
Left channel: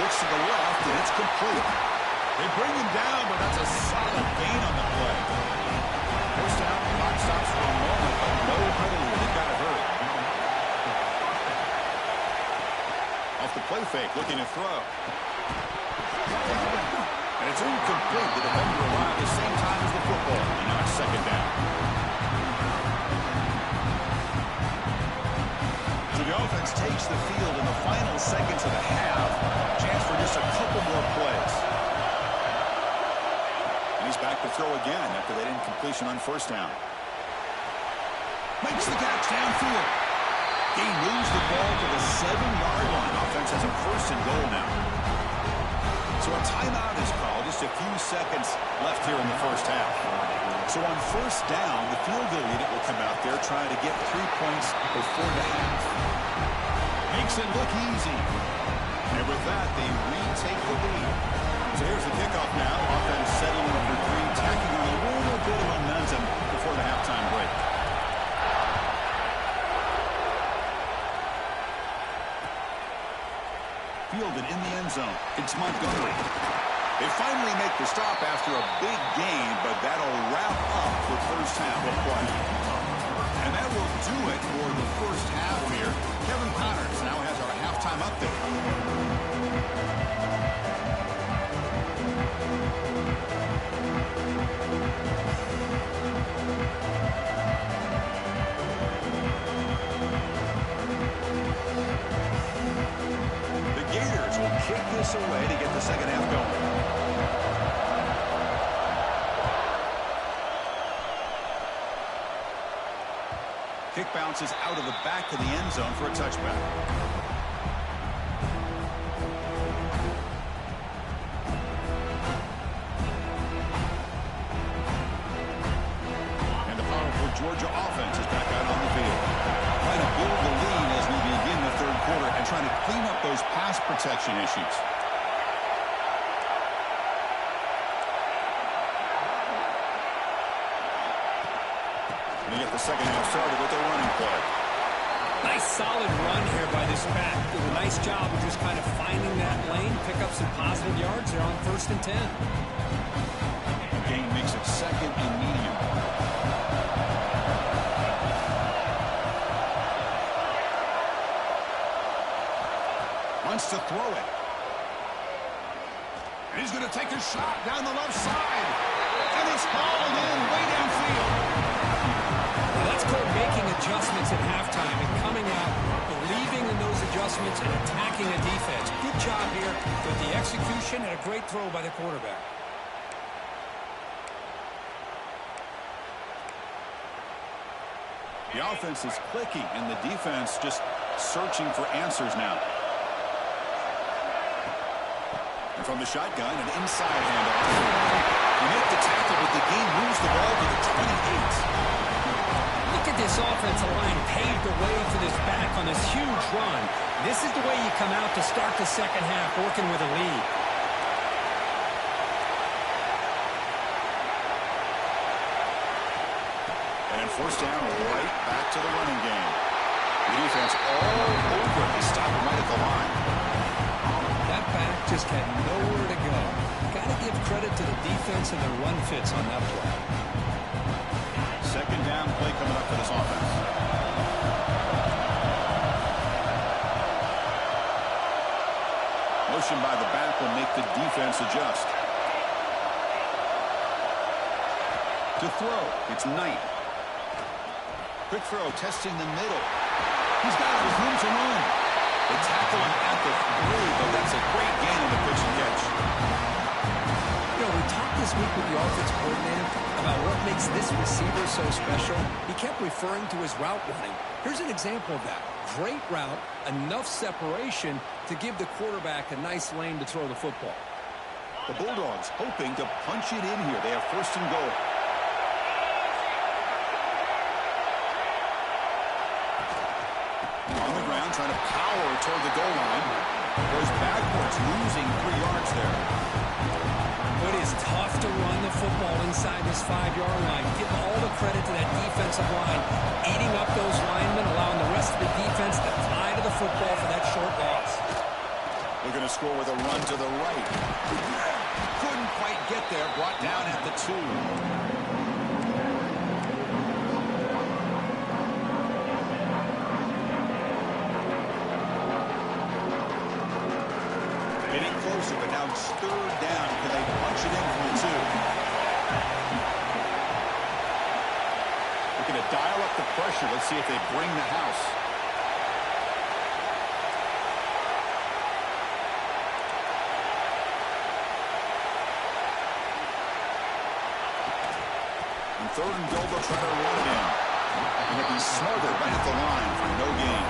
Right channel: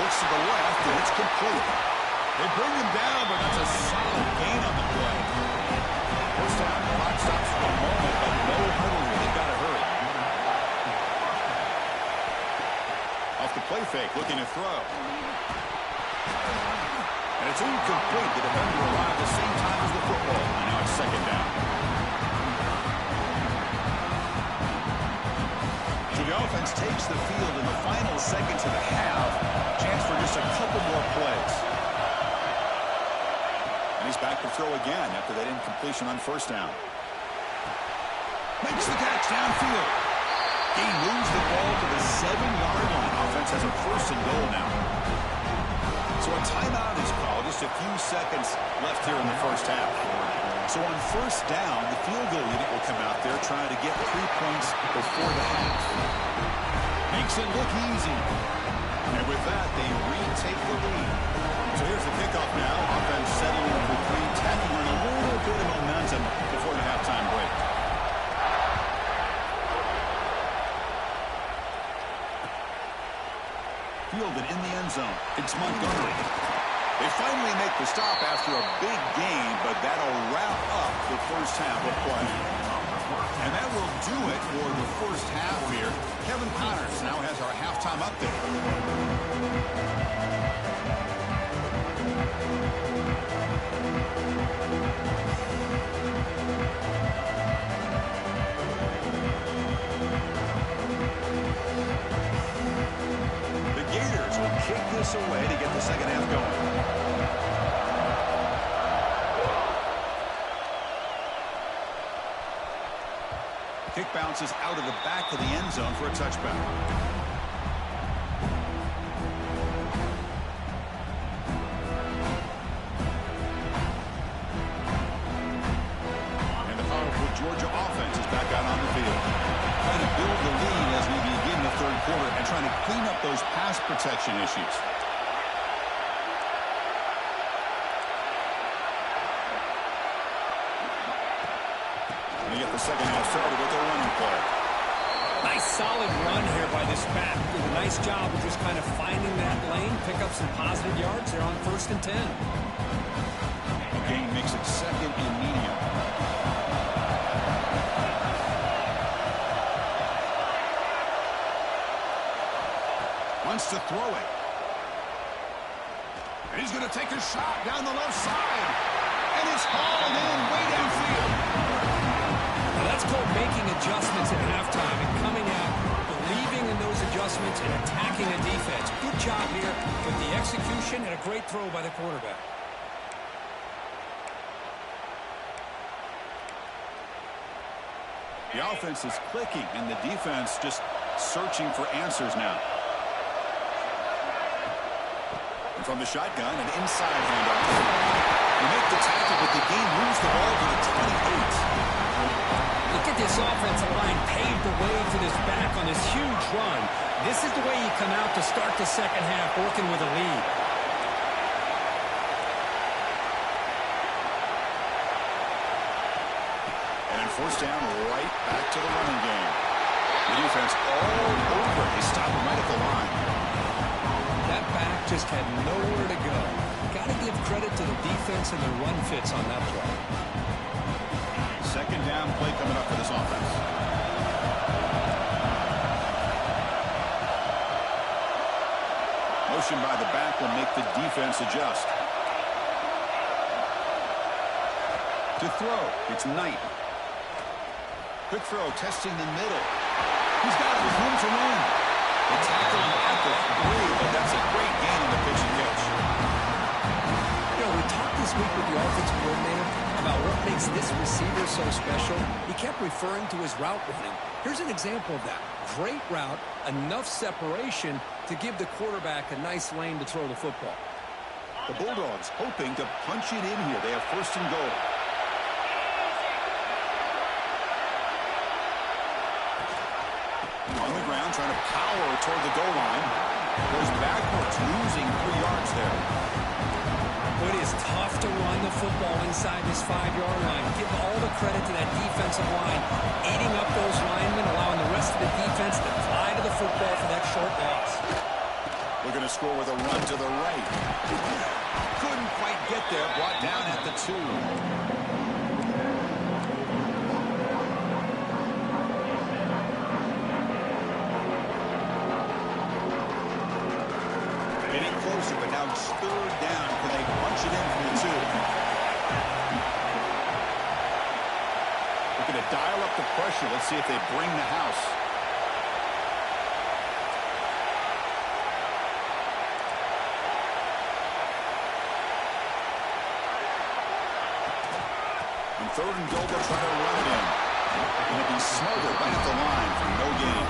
Looks to the left, and it's complete. They bring him down, but that's a solid gain on the play. First down, clock stops for a moment, but no huddle here. They've got to hurry. Off the play fake, looking to throw. And it's incomplete. The defender arrived at the same time as the football. And now it's second down. So the offense takes the field in the final seconds of the half. Chance for just a couple more plays. And he's back to throw again after that incompletion on first down. Makes the catch downfield. Gain moves the ball to the 7-yard line. Offense has a first and goal now. So a timeout is called. Just a few seconds left here in the first half. So on first down, the field goal unit will come out there trying to get 3 points before the half. Makes it look easy. And with that, they retake the lead. So here's the kickoff now. Offense settling for 3, tacking on a little bit of momentum before the halftime break. Fielded in the end zone. It's Montgomery. They finally make the stop after a big gain, but that'll wrap up the first half of play. And that will do it for the first half here. Kevin Connors now has our halftime update. Kick this away to get the second half going. Kick bounces out of the back of the end zone for a touchback. And the powerful Georgia offense is back out on the field. Trying to build the lead as we begin the third quarter and trying to clean up those pass protection issues. And you get the second half started with a running play. Nice solid run here by this back. Did a nice job of just kind of finding that lane, pick up some positive yards. They're on 1st and 10. The gain makes it 2nd and medium. Wants to throw it. And he's going to take a shot down the left side. And it's hauled in way downfield. Now that's called making adjustments at halftime and coming out, believing in those adjustments and attacking a defense. Good job here with the execution and a great throw by the quarterback. The offense is clicking and the defense just searching for answers now. And from the shotgun, an inside handoff. They make the tackle, but the gain moves the ball to the 28. Look at this offensive line paved the way for this back on this huge run. This is the way you come out to start the second half, working with a lead. And then first down, right back to the running game. The defense all over it. They stop him right at the line. That back just had nowhere to go. Got to give credit to the defense and the run fits on that play. Second down play coming up for this offense. Motion by the back will make the defense adjust. To throw, it's Knight. Quick throw, testing the middle. He's got it with room to run. They tackle him at the 3, but that's a great gain on the pitch and catch. You know, we talked this week with the offensive coordinator about what makes this receiver so special. He kept referring to his route running. Here's an example of that. Great route, enough separation to give the quarterback a nice lane to throw the football. The Bulldogs hoping to punch it in here. They have first and goal. On the ground, trying to power toward the goal line. Goes backwards, losing 3 yards there. It is tough to run the football inside this 5-yard line. Give all the credit to that defensive line, eating up those linemen, allowing the rest of the defense to fly to the football for that short loss. Looking to score with a run to the right. Couldn't quite get there, brought down at the 2. Getting closer, but now it's 3rd down. Can they punch it in from the 2? Looking to dial up the pressure. Let's see if they bring the house. On 3rd and goal, they'll try to run it in. Going to be smothered right at the line for no gain.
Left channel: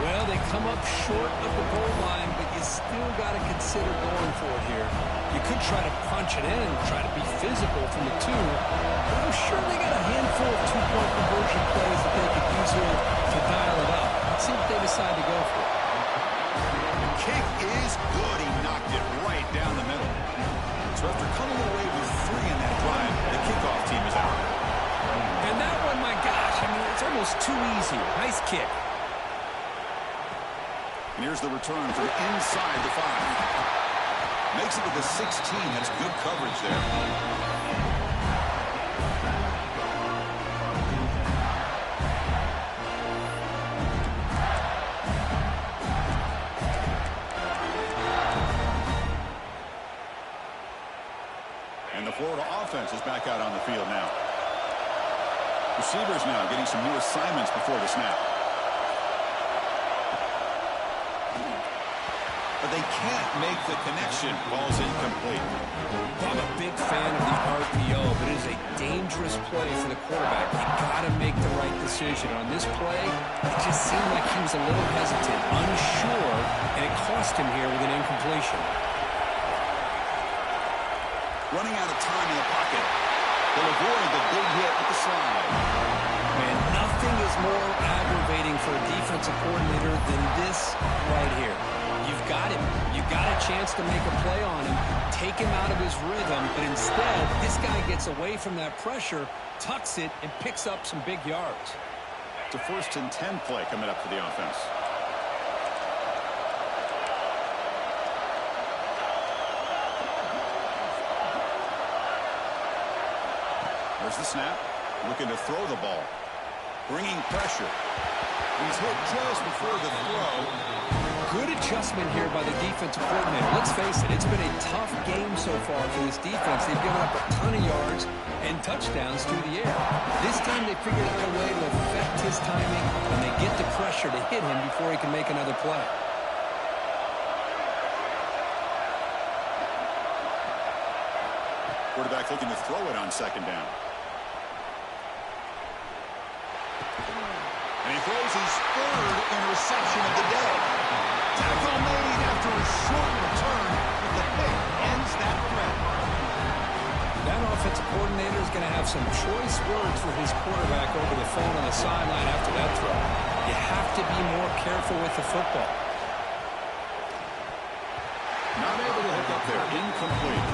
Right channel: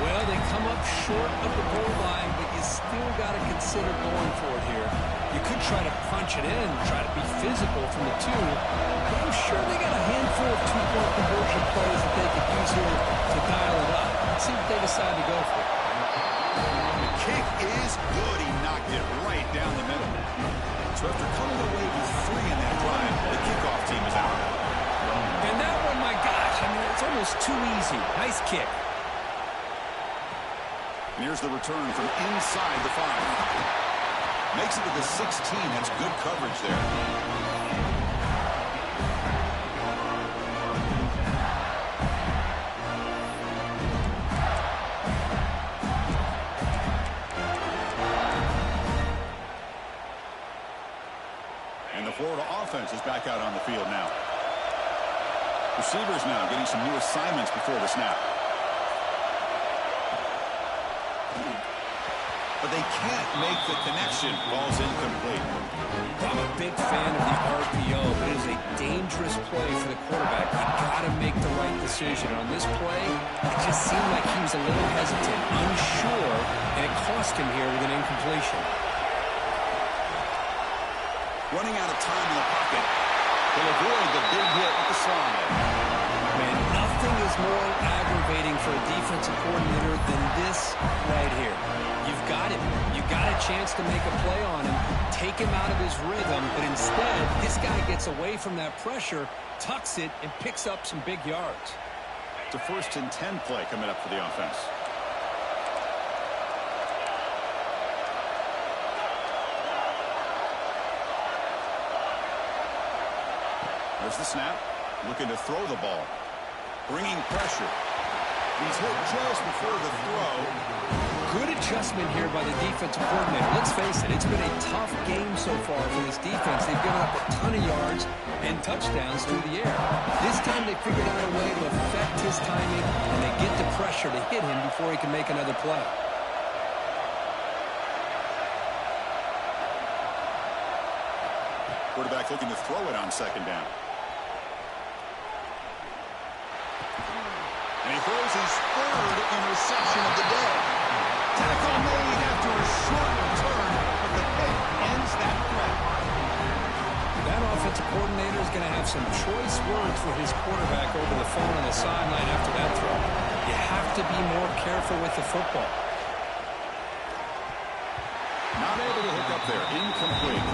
Well, they come up short of the goal line, but you still got to consider going for it here. You could try to punch it in, try to be physical from the 2, but I'm sure they got a handful of 2-point conversion plays that they could use here to dial it up. Let's see what they decide to go for. The kick is good. He knocked it right down the middle. So after coming away with 3 in that drive, the kickoff team is out. And that one, my gosh, I mean, it's almost too easy. Nice kick. And here's the return from inside the 5. Makes it to the 16. That's good coverage there. And the Florida offense is back out on the field now. Receivers now getting some new assignments before the snap. But they can't make the connection. Ball's incomplete. I'm a big fan of the RPO, but it is a dangerous play for the quarterback. You got to make the right decision. On this play, it just seemed like he was a little hesitant, unsure, and it cost him here with an incompletion. Running out of time in the pocket. He'll avoid the big hit with the slide. Man, nothing is more aggravating for a defensive coordinator than this right here. You've got him. You got a chance to make a play on him, take him out of his rhythm, but instead, this guy gets away from that pressure, tucks it, and picks up some big yards. It's a 1st and 10 play coming up for the offense. There's the snap. Looking to throw the ball. Bringing pressure. He's hit just before the throw. Good adjustment here by the defensive coordinator. Let's face it, it's been a tough game so far for this defense. They've given up a ton of yards and touchdowns through the air. This time they figured out a way to affect his timing, and they get the pressure to hit him before he can make another play. Quarterback looking to throw it on 2nd down. And he throws his 3rd interception of the day. Tackle made after a short return, but the pick ends that threat. That offensive coordinator is going to have some choice words for his quarterback over the phone on the sideline after that throw. You have to be more careful with the football. Not able to hook up there. Incomplete.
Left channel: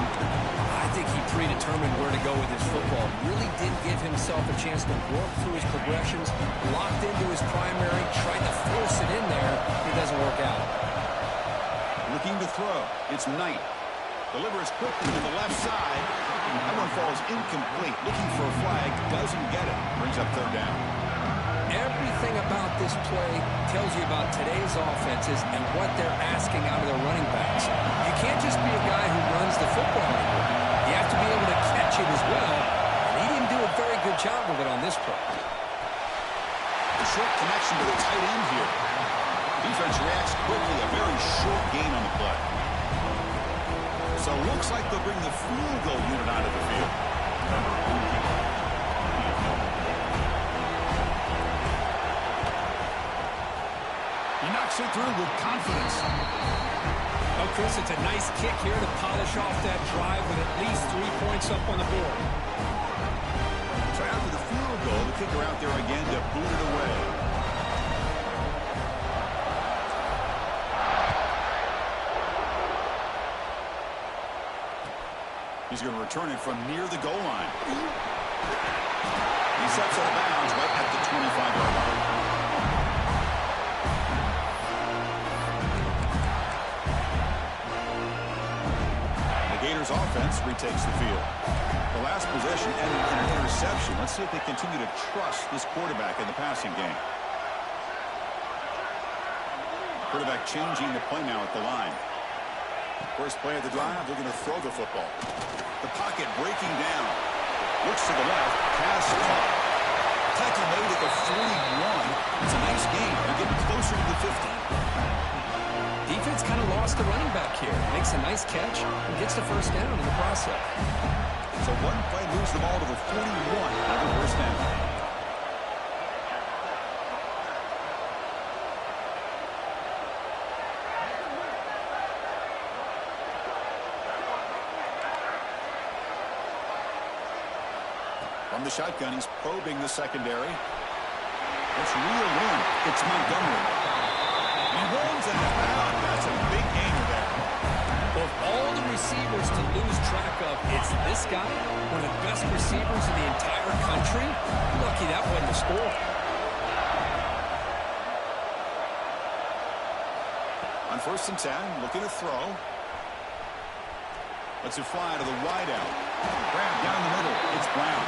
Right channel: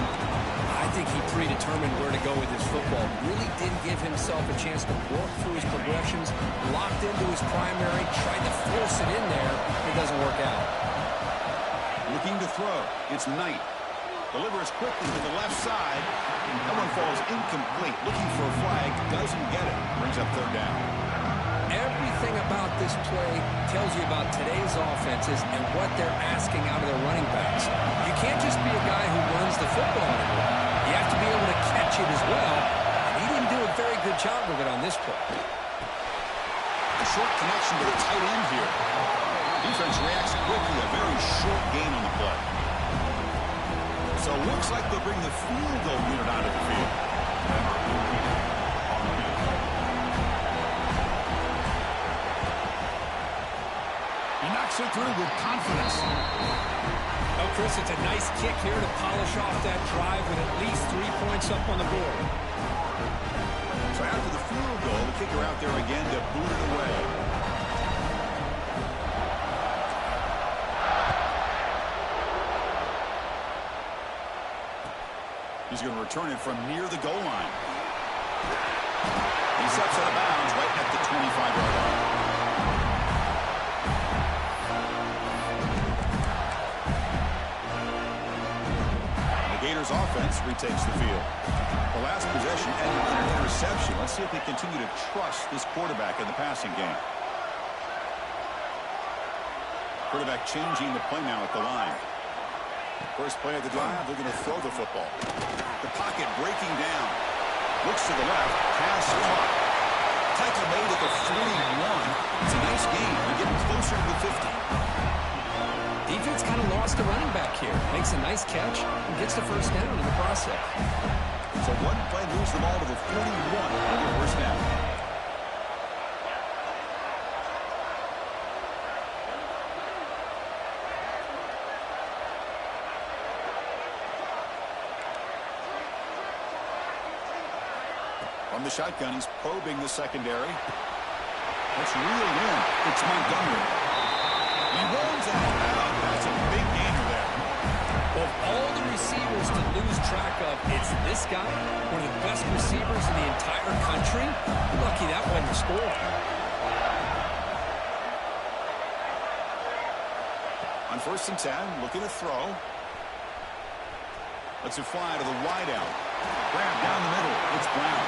I think he predetermined where to go with his football. Really didn't give himself a chance to work through his progressions. Locked into his primary. Tried to force it in there. It doesn't work out. Looking to throw. It's Knight. Delivers quickly to the left side. That one falls incomplete. Looking for a flag. Doesn't get it. Brings up 3rd down. Everything about this play tells you about today's offenses and what they're asking out of their running backs. You can't just be a guy who runs the football anymore. You have to be able to catch it as well, and he didn't do a very good job of it on this play. A short connection to the tight end here. Defense reacts quickly, a very short gain on the play. So it looks like they'll bring the field goal unit onto the field. He knocks it through with confidence. Oh, Chris, it's a nice kick here to polish off that drive with at least 3 points up on the board. So after the field goal, the kicker out there again to boot it away. He's going to return it from near the goal line. He steps out of bounds right at the 25-yard line. The Gators offense retakes the field. The last possession ended in an interception. Let's see if they continue to trust this quarterback in the passing game. Quarterback changing the play now at the line. First play of the drive, they're going to throw the football. The pocket breaking down. Looks to the left. Pass caught. Tackle made at the 41. It's a nice game. They're getting closer to the 50. Defense kind of lost the running back here. Makes a nice catch and gets the first down in the process. So one play moves the ball to the 41 on the first down. From the shotgun, he's probing the secondary. That's reeled in. It's Montgomery. He rolls out of bounds. That's a big gainer there. Of all the receivers to lose track of, it's this guy, one of the best receivers in the entire country. Lucky that wasn't the score. On 1st and 10, looking to throw. Lets it fly to the wideout. Grab down the middle. It's Brown.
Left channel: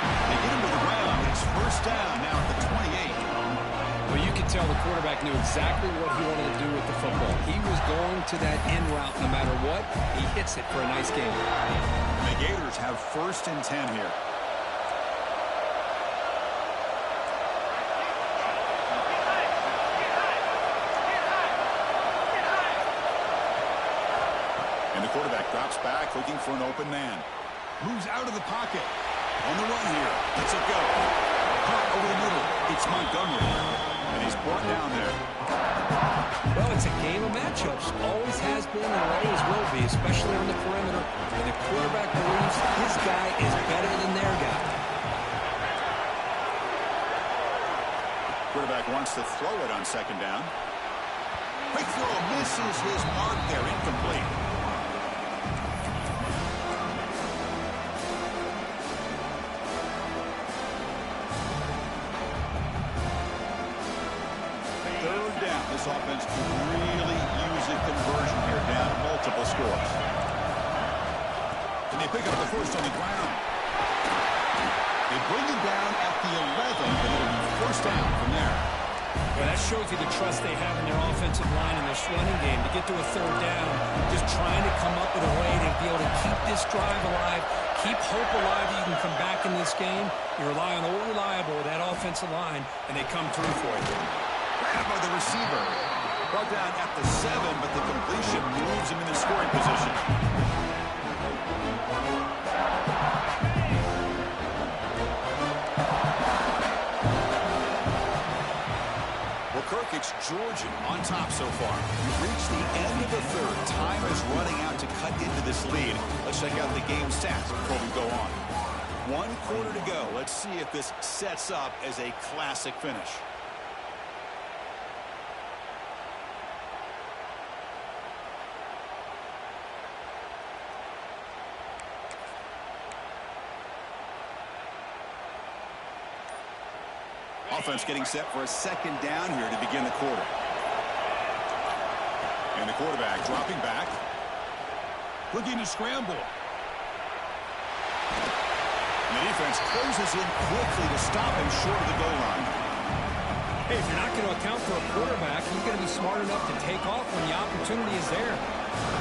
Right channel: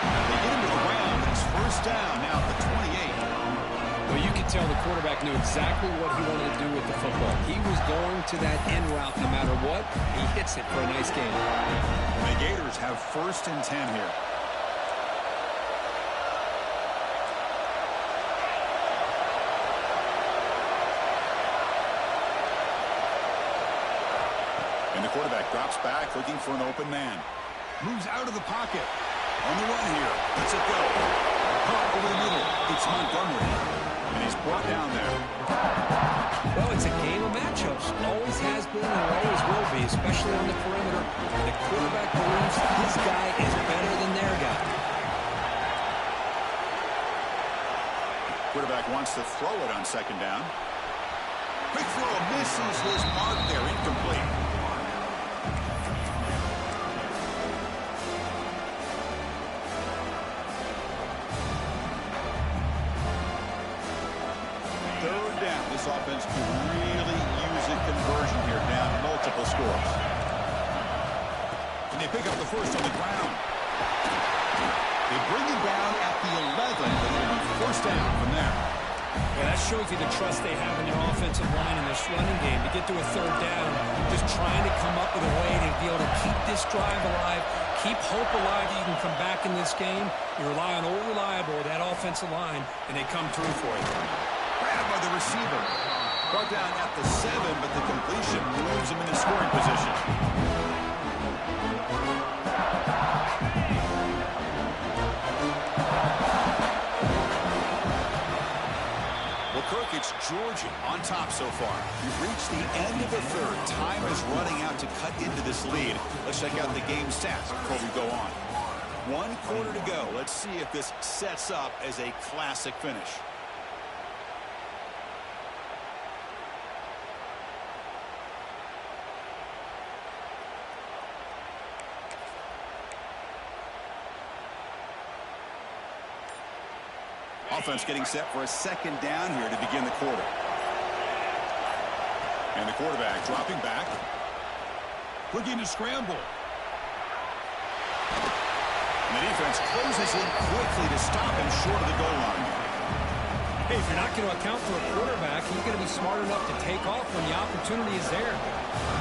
They get him to the ground, and it's first down now at the 28. Well, you could tell the quarterback knew exactly what he wanted to do with the football. He was going to that end route no matter what. He hits it for a nice gain. And the Gators have 1st and 10 here. And the quarterback drops back, looking for an open man. Moves out of the pocket. On the run here. Lets it go. Caught over the middle. It's Montgomery. And he's brought down there. Well, it's a game of matchups. Always has been and always will be, especially on the perimeter. And the quarterback believes his guy is better than their guy. Quarterback wants to throw it on 2nd down. Quick throw. Misses his mark there. Incomplete. This offense could really use a conversion here, down multiple scores. And they pick up the first on the ground. They bring him down at the 11, but it'll be first down from there. Yeah, that shows you the trust they have in their offensive line in this running game. To get to a 3rd down, just trying to come up with a way to be able to keep this drive alive, keep hope alive that you can come back in this game. You rely on old reliable, that offensive line, and they come through for you. Grabbed by the receiver. Brought down at the 7, but the completion moves him into scoring position. Well, Kirk, it's Georgia on top so far. We've reached the end of the 3rd. Time is running out to cut into this lead. Let's check out the game stats before we go on. 1 quarter to go. Let's see if this sets up as a classic finish. Offense getting set for a 2nd down here to begin the quarter. And the quarterback dropping back. Looking to scramble. And the defense closes in quickly to stop him short of the goal line. Hey, if you're not going to account for a quarterback, you're going to be smart enough to take off when the opportunity is there.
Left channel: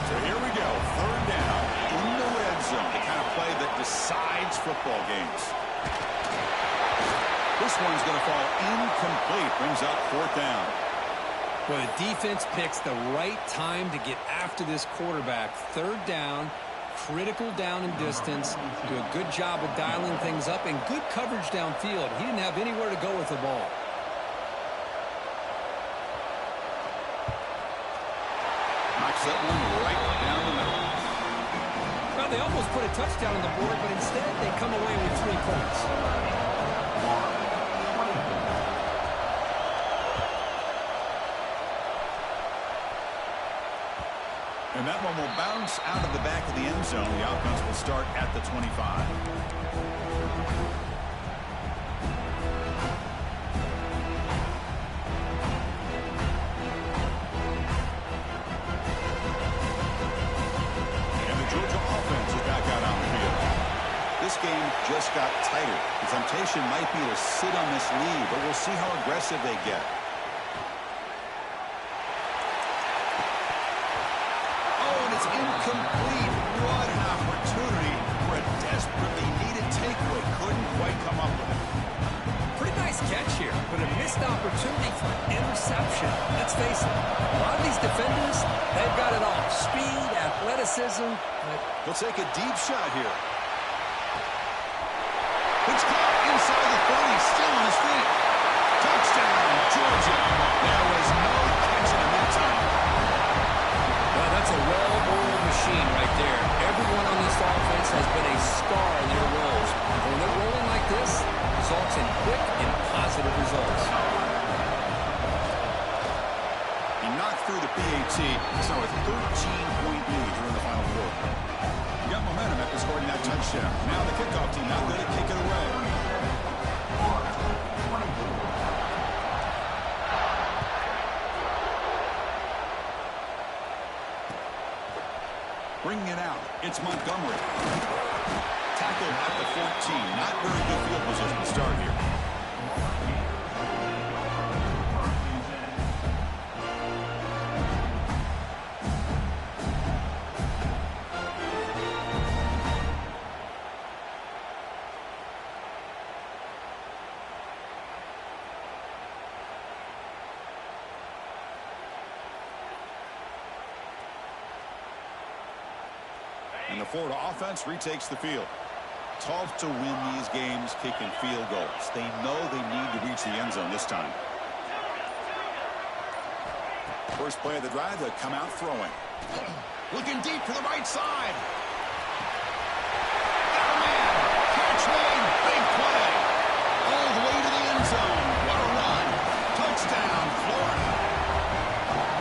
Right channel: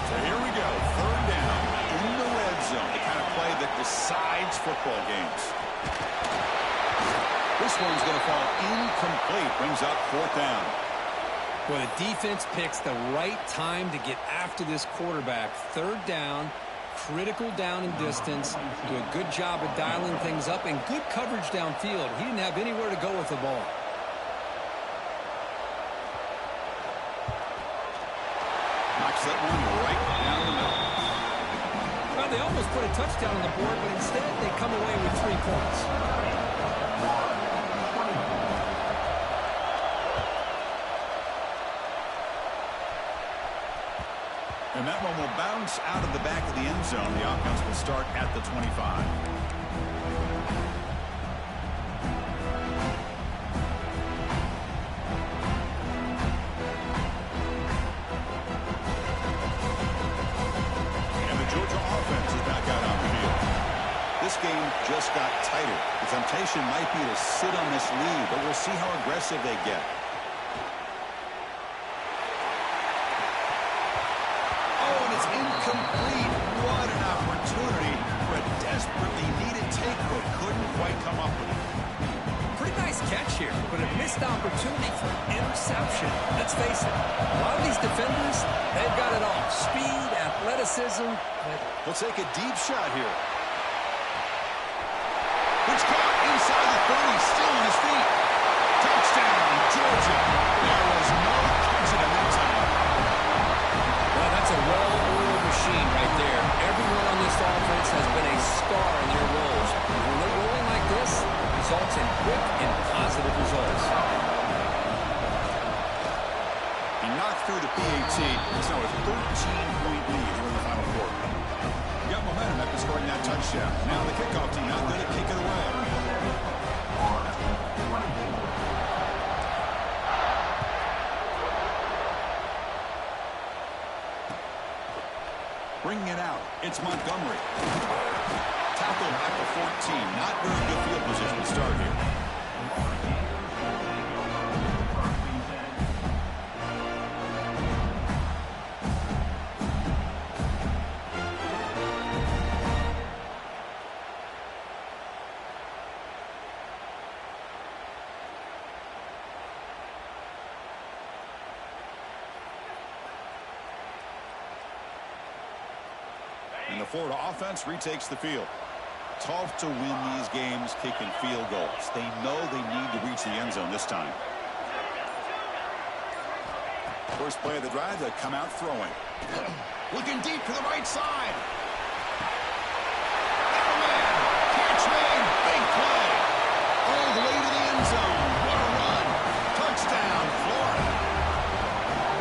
So here we go, third down in the red zone, the kind of play that decides football games. This one's going to fall incomplete, brings up fourth down. Well, the defense picks the right time to get after this quarterback. Third down, critical down and distance, do a good job of dialing things up, and good coverage downfield. He didn't have anywhere to go with the ball. Knocks that one right down the middle. Well, they almost put a touchdown on the board, but instead they come away with 3 points. And that one will bounce out of the back of the end zone. The offense will start at the 25. Georgia offense is back out on the field. This game just got tighter. The temptation might be to sit on this lead, but we'll see how aggressive they get. Oh, and it's incomplete. What an opportunity for a desperately needed takeaway. Couldn't quite come up with it. Pretty nice catch here, but a missed opportunity for interception. Let's face it, a lot of these defenders, they've got it all. Speed, athleticism. They'll take a deep shot here. It's caught inside the 30, still on his feet. Touchdown, Georgia. There was no catching him that time. Well, that's a well-oiled machine right there. Everyone on this offense has been a star in their roles. When they're rolling like this, results in quick and positive results. He knocked through the PAT. It's now a 13-point lead here in the final quarter. You got momentum after scoring that touchdown. Now the kickoff team not going to kick it away. Bringing it out, it's Montgomery. Tackled at the 14. Not very good field position to start here. And the Florida offense retakes the field. Tough to win these games kicking field goals. They know they need to reach the end zone this time. First play of the drive, they come out throwing. Looking deep to the right side. Got a man. Catch made. Big play. All the way to the end zone. What a run. Touchdown, Florida.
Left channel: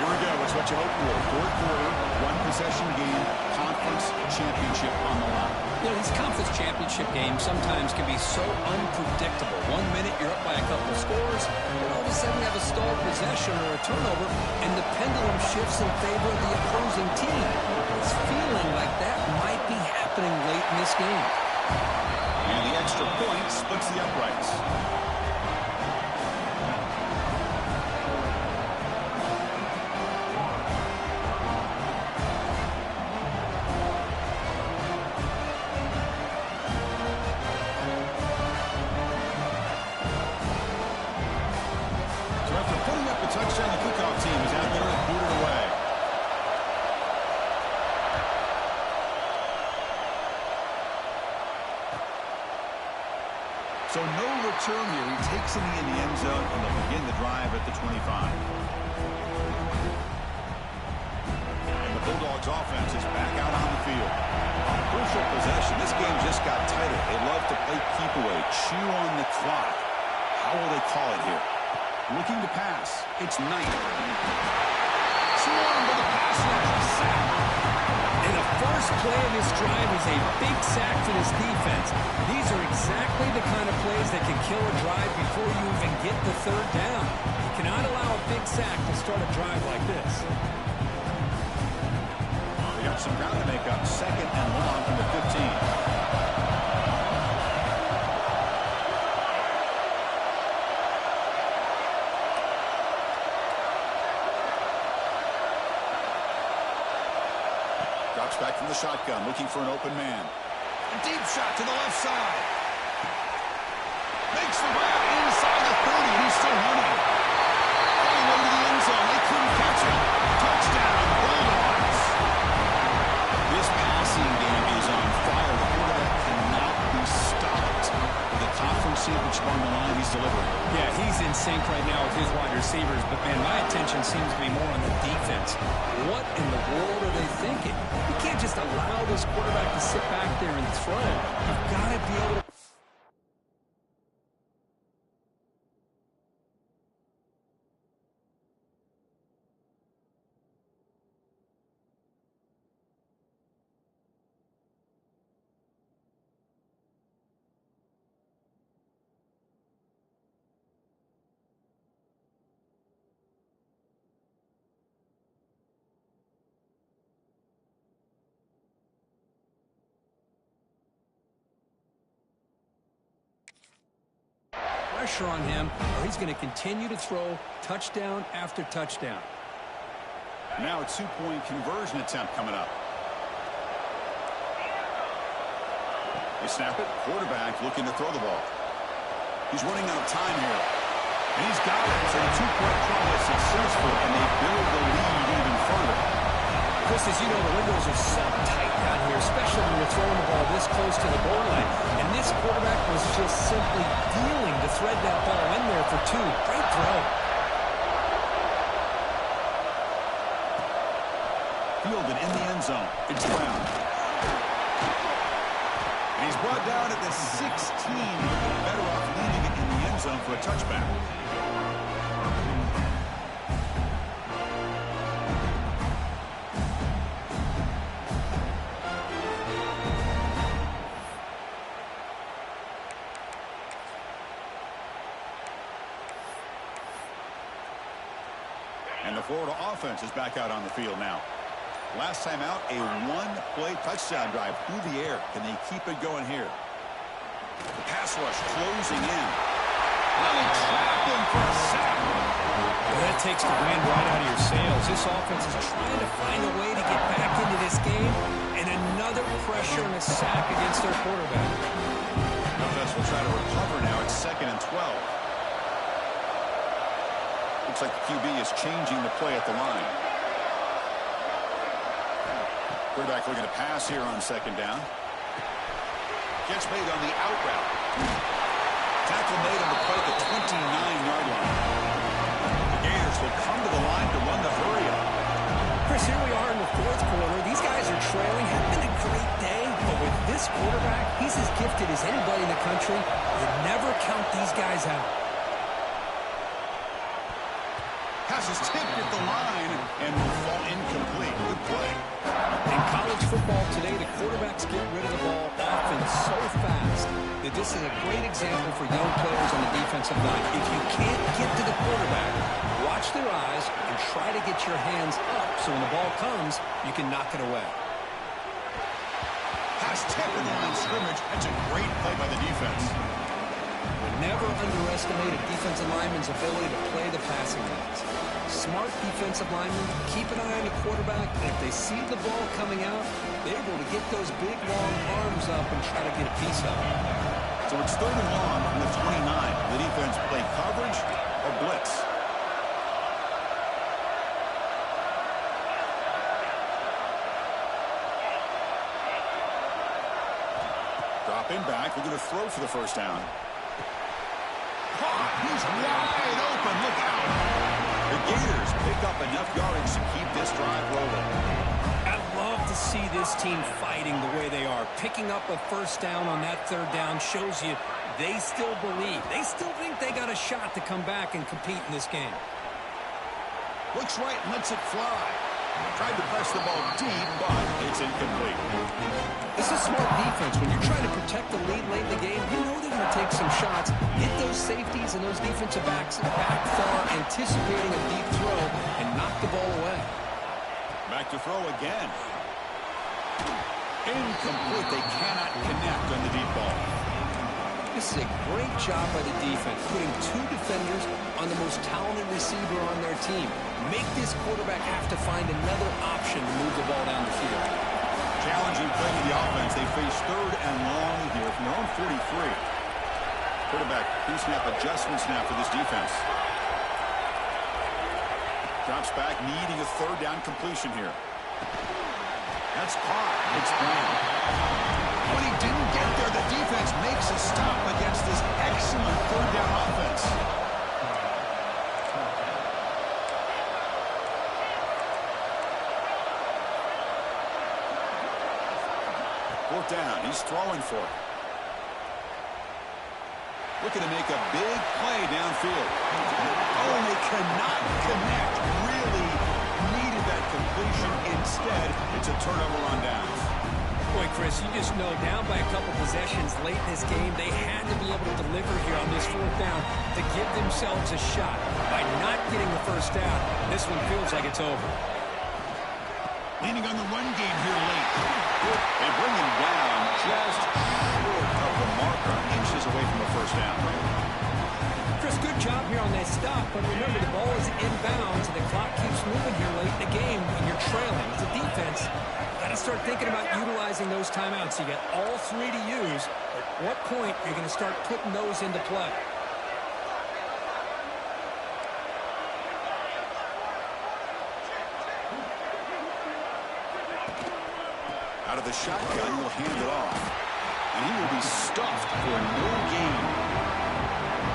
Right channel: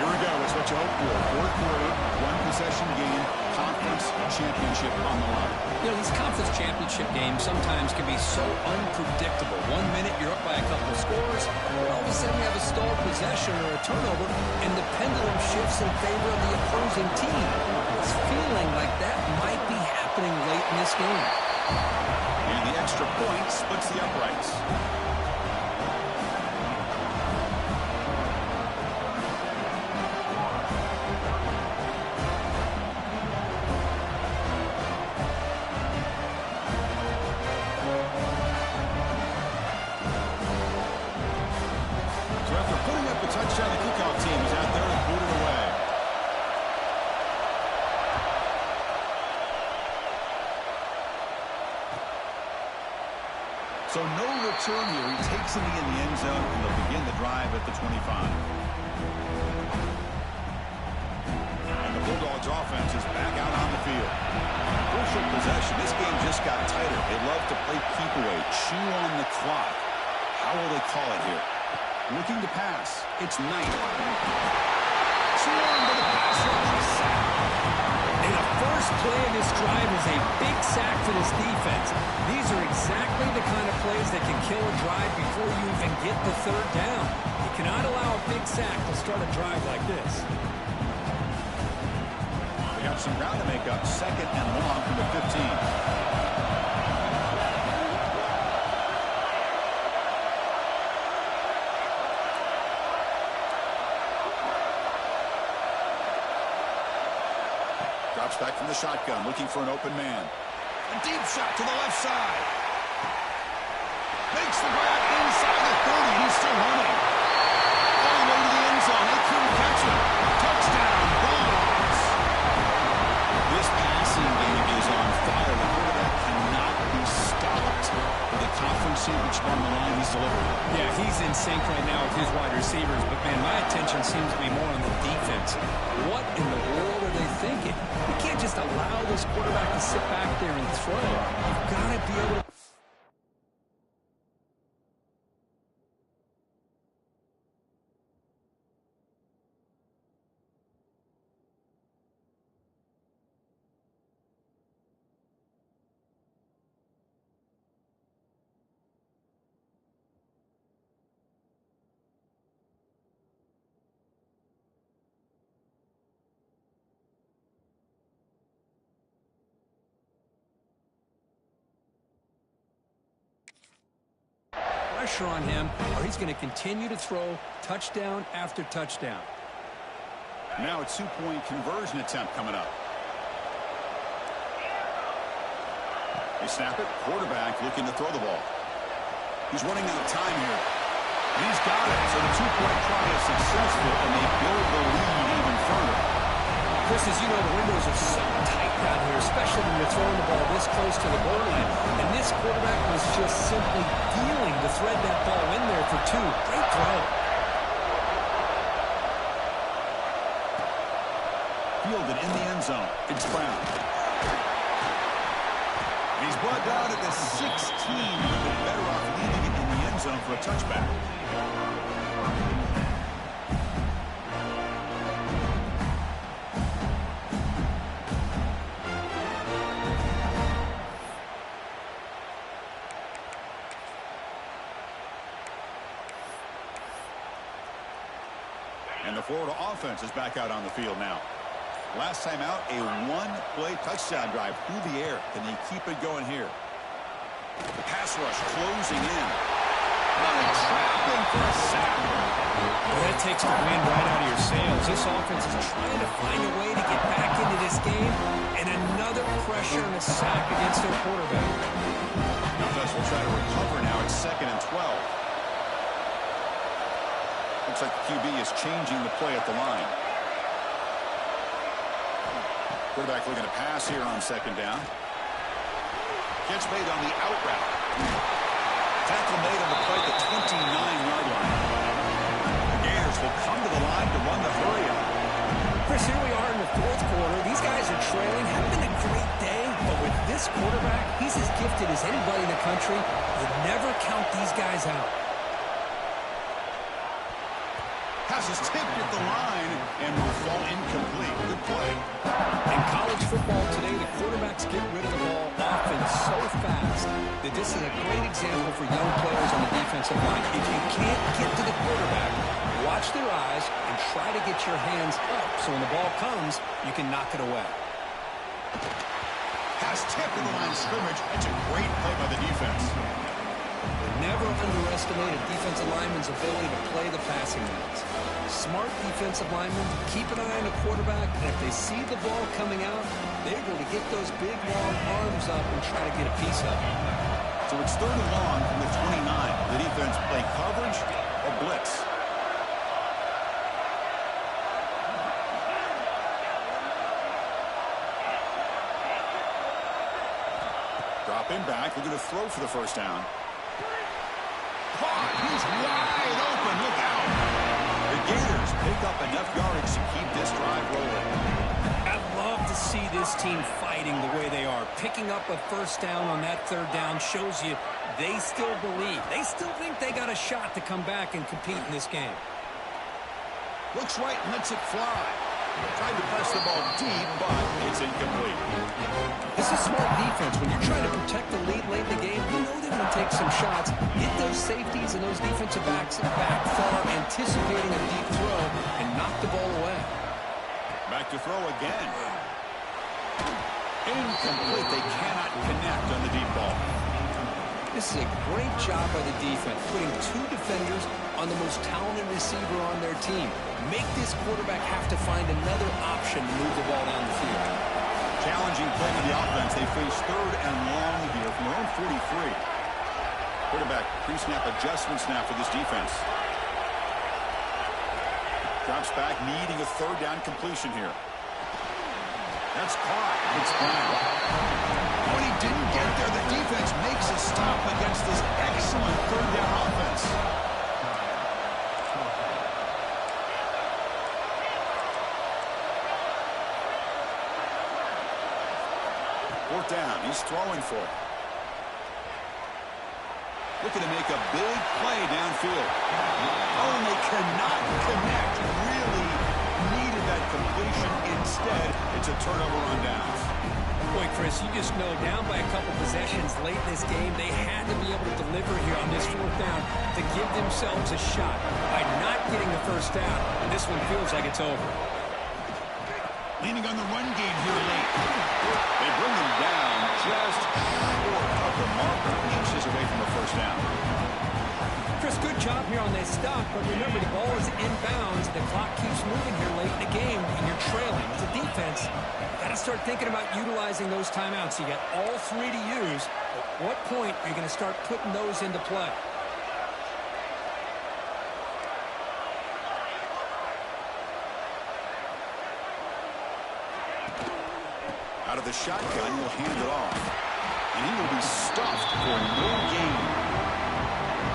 Here we go. It's what you hope for. Fourth quarter, one possession game, conference championship on the line. You know, these conference championship games sometimes can be so unpredictable. 1 minute you're up by a couple scores, and all of a sudden you have a stalled possession or a turnover, and the pendulum shifts in favor of the opposing team. It's feeling like that might be happening late in this game. And the extra point splits the uprights. Touchdown, the kickoff team is out there to boot it away. So no return here. He takes a knee in the end zone, and they'll begin the drive at the 25. And the Bulldogs offense is back out on the field. Crucial possession. This game just got tighter. They love to play keep away, chew on the clock. How will they call it here? Looking to pass. It's Knight. Swarmed by the pass rush. Sack. And the first play of this drive is a big sack for this defense. These are exactly the kind of plays that can kill a drive before you even get the third down. You cannot allow a big sack to start a drive like this. They got some ground to make up. Second and long from the 15. Drops back from the shotgun, looking for an open man. A deep shot to the left side. Makes the grab inside the 30, and he's still running. All the way to the end zone. They couldn't catch him. Touchdown, Bulldogs. This passing game is on fire. The quarterback cannot be stopped. With the conference championship on the line, he's delivered. Yeah, he's in sync right now with his wide receivers, but, man, my attention seems to be more on the defense. What in the world are they thinking? You can't just allow this quarterback to sit back there and throw. You've got to be able to... pressure on him, or he's going to continue to throw touchdown after touchdown. Now a two-point conversion attempt coming up. They snap it. Quarterback looking to throw the ball. He's running out of time here. And he's got it. So the two-point try is successful, and they build the lead even further. Chris, as you know, the windows are so tight down here, especially when you're throwing the ball this close to the goal line. And this quarterback was just simply dealing to thread that ball in there for two. Great throw. Fielded in the end zone. It's Brown. And he's brought down at the 16. Would be better off leaving it in the end zone for a touchback. And the Florida offense is back out on the field now. Last time out, a one-play touchdown drive through the air. Can they keep it going here? The pass rush closing in. Really trapping for a sack. Well, that takes the wind right out of your sails. This offense is trying to find a way to get back into this game, and another pressure and a sack against their quarterback. Offense will try to recover now. It's 2nd and 12. Looks like the QB is changing the play at the line. Quarterback looking to pass here on 2nd down. Catch made on the out route. Tackle made on the play at the 29-yard line. The Gators will come to the line to run the hurry-up. Chris, here we are in the 4th quarter. These guys are trailing. Hadn't been a great day, but with this quarterback, he's as gifted as anybody in the country. You never count these guys out. Pass is tipped at the line and will fall incomplete. Good play. In college football today, the quarterbacks get rid of the ball often so fast that this is a great example for young players on the defensive line. If you can't get to the quarterback, watch their eyes and try to get your hands up so when the ball comes, you can knock it away. Pass tipped in the line of scrimmage. That's a great play by the defense. Never underestimate a defensive lineman's ability to play the passing lanes. Smart defensive linemen keep an eye on the quarterback, and if they see the ball coming out, they're able to get those big, long arms up and try to get a piece of it. So it's 3rd and long from the 29. The defense play coverage or blitz. Dropping back, looking to throw for the 1st down. Caught. He's wide open. Look out. The Gators pick up enough yardage to keep this drive rolling. I love to see this team fighting the way they are. Picking up a 1st down on that 3rd down shows you they still believe. They still think they got a shot to come back and compete in this game. Looks right and lets it fly. Tried to press the ball deep, but it's incomplete. This is smart defense. When you're trying to protect the lead late in the game, you know they're going to take some shots, get those safeties and those defensive backs back far, anticipating a deep throw, and knock the ball away. Back to throw again. Incomplete. They cannot connect on the deep ball. This is a great job by the defense, putting 2 defenders on the most talented receiver on their team. Make this quarterback have to find another option to move the ball down the field. Challenging play for the offense. They face 3rd and long here from their own 43. Quarterback pre-snap adjustment snap for this defense. Drops back, needing a 3rd down completion here. That's caught. It's Brown. When he didn't get there, the defense makes a stop against this excellent 3rd down offense. 4th down. He's throwing for it. Looking to make a big play downfield. Oh, and they cannot connect. Really needed that completion. Instead, it's a turnover on downs. Boy, Chris, you just know down by a couple possessions late in this game, they had to be able to deliver here on this 4th down to give themselves a shot. By not getting the 1st down, this one feels like it's over. Leaning on the run game here late. They bring him down just short of the marker, inches away from the 1st down. Chris, good job here on that stop, but remember the ball is inbounds and the clock keeps moving here late in the game and you're trailing. As a defense, you got to start thinking about utilizing those timeouts. You got all 3 to use. At what point are you going to start putting those into play? Out of the shotgun, he'll hand it off. And he will be stuffed for no gain.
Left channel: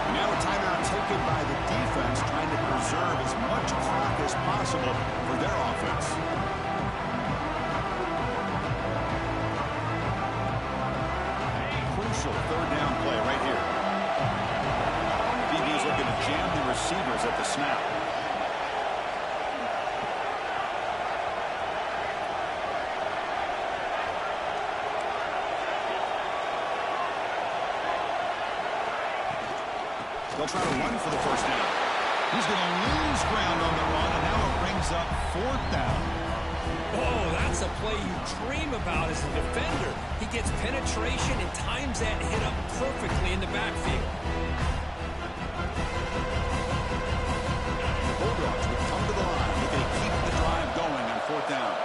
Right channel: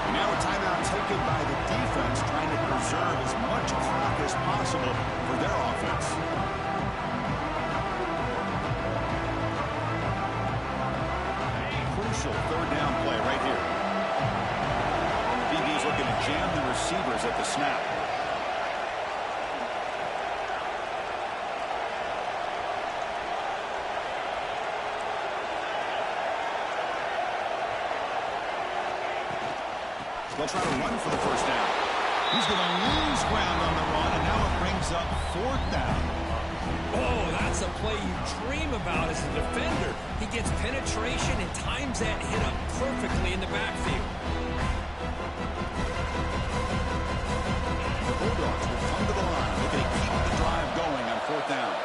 And now a timeout taken by the defense, trying to preserve as much clock as possible for their offense. Crucial 3rd down play right here. DB is looking to jam the receivers at the snap. They'll try to run for the 1st down. He's going to lose ground on the run, and now it brings up 4th down. Oh, that's a play you dream about as a defender. He gets penetration and times that hit up perfectly in the backfield. The Bulldogs will come to the line. They're going to keep the drive going on 4th down.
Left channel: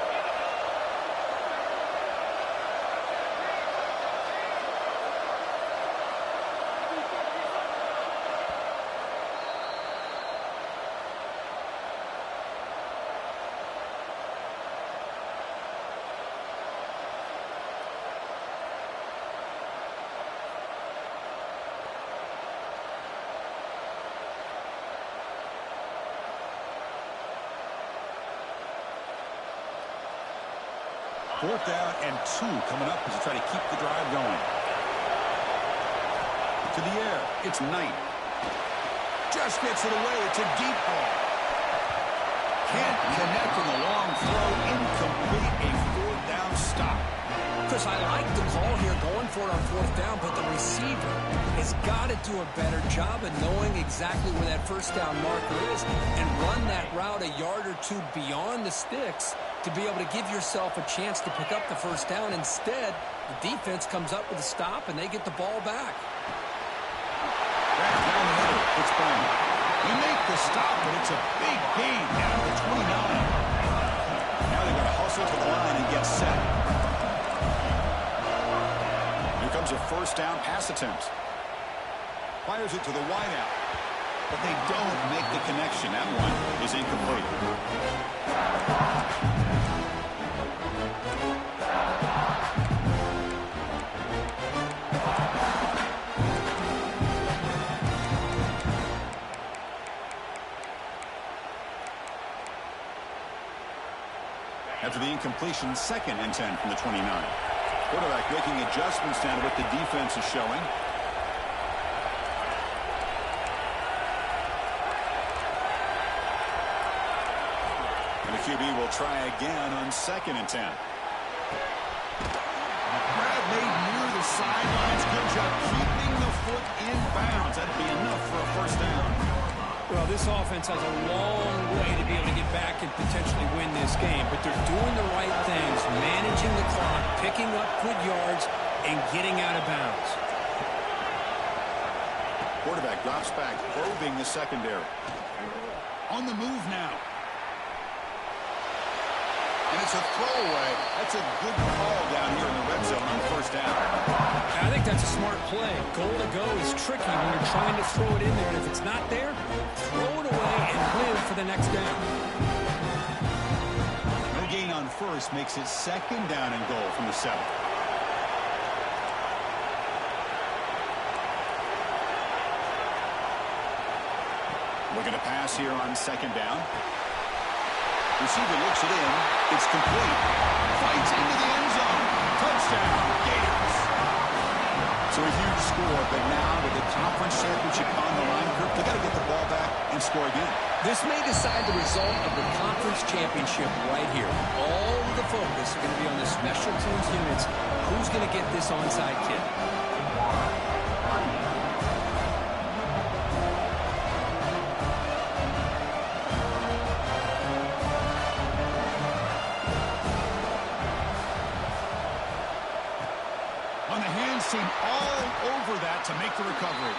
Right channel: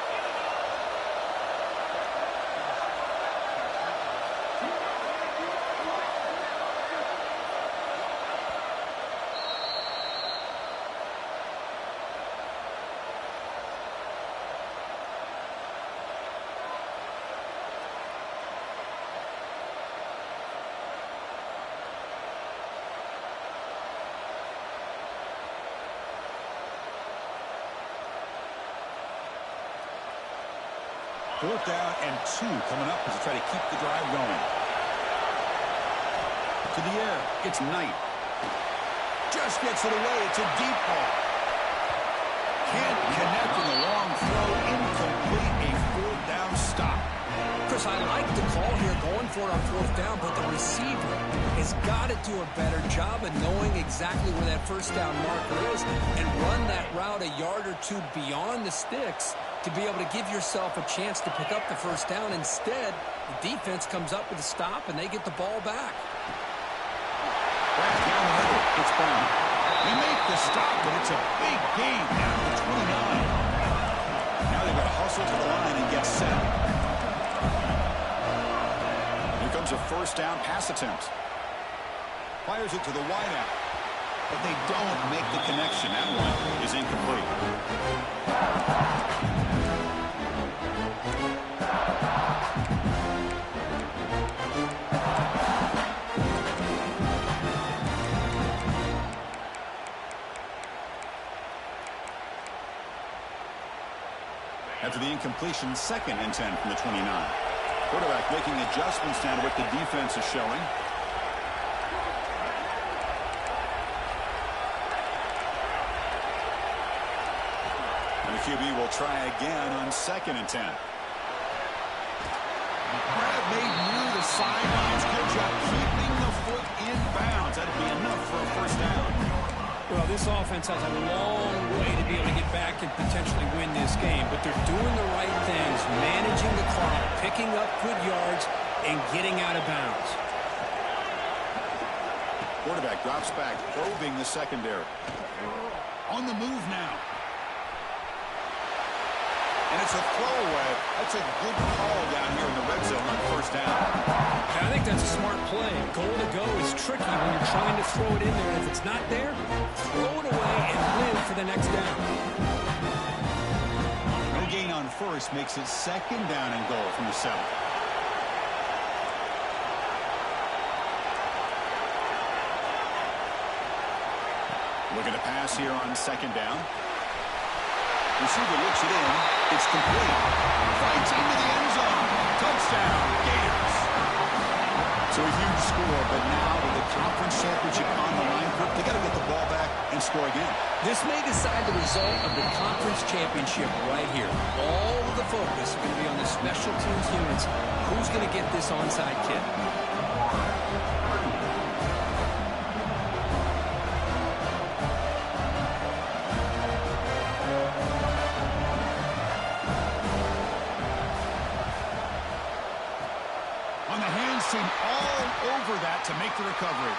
Fourth down and 2 coming up as they try to keep the drive going. To the air. It's Knight. Just gets it away. It's a deep ball. Can't connect with a long throw. Incomplete. A 4th down stop. Chris, I like the call here going for it on 4th down, but the receiver has got to do a better job of knowing exactly where that 1st down marker is and run that route a yard or 2 beyond the sticks to be able to give yourself a chance to pick up the 1st down. Instead, the defense comes up with a stop and they get the ball back. Back down the middle. It's Brown. They make the stop, but it's a big gain down to 29. Now they've got to hustle to the line and get set. Here comes a 1st down pass attempt. Fires it to the wideout. But they don't make the connection. That one is incomplete. After the incompletion, 2nd and 10 from the 29. Quarterback making adjustments down to what the defense is showing. And the QB will try again on 2nd and 10. Grab made near the sidelines. Good job keeping the foot in bounds. That'll be enough for a 1st down. Well, this offense has a long way to be able to get back and potentially win this game, but they're doing the right things, managing the clock, picking up good yards, and getting out of bounds. Quarterback drops back, probing the secondary. On the move now. And it's a throwaway. That's a good call down here in the red zone on first down. And I think that's a smart play. Goal to go is tricky when you're trying to throw it in there. And if it's not there, throw it away and live for the next down. No gain on first makes it second down and goal from the 7. Looking to pass here on second down. Receiver looks it in. It's complete. Fights into the end zone. Touchdown, Gators. So a huge score, but now with the conference championship on the line, Kirk, they got to get the ball back and score again. This may decide the result of the conference championship right here. All of the focus are going to be on the special teams units. Who's going to get this onside kick? On the hands team all over that to make the recovery.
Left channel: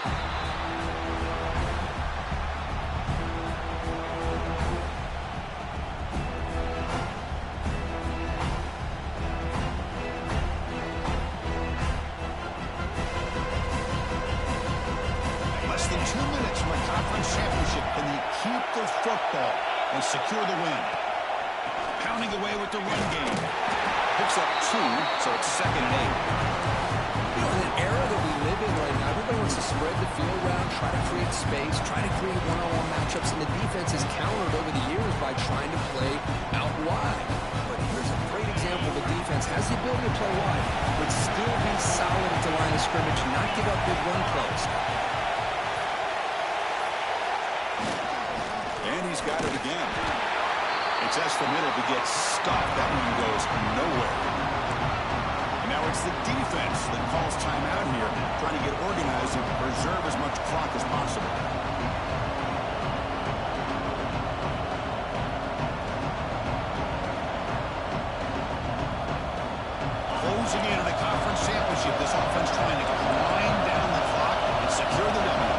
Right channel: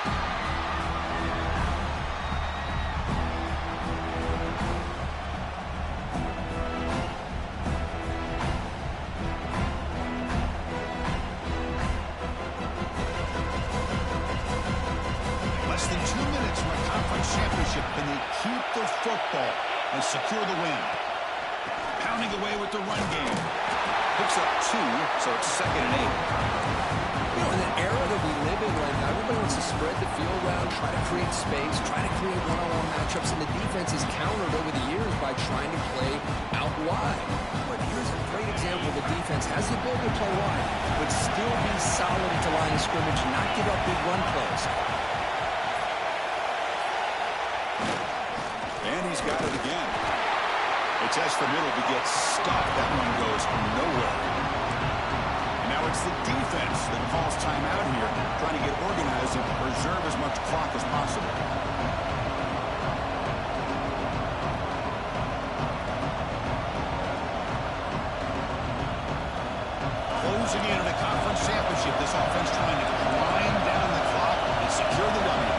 Less than 2 minutes from a conference championship. Can they keep the football and secure the win? Pounding away with the run game. Picks up 2, so it's 2nd and 8. You know, in the era that we live in right now, everybody wants to spread the field around, try to create space, try to create one-on-one matchups, and the defense is countered over the years by trying to play out wide. But here's a great example. The defense has the ability to play wide, but still be solid at the line of scrimmage, not give up big run plays. And he's got it again. It's the middle to get stuffed. That one goes nowhere. And now it's the defense that calls timeout here, trying to get organized and preserve as much clock as possible. Closing in on a conference championship, this offense trying to grind down the clock and secure the W.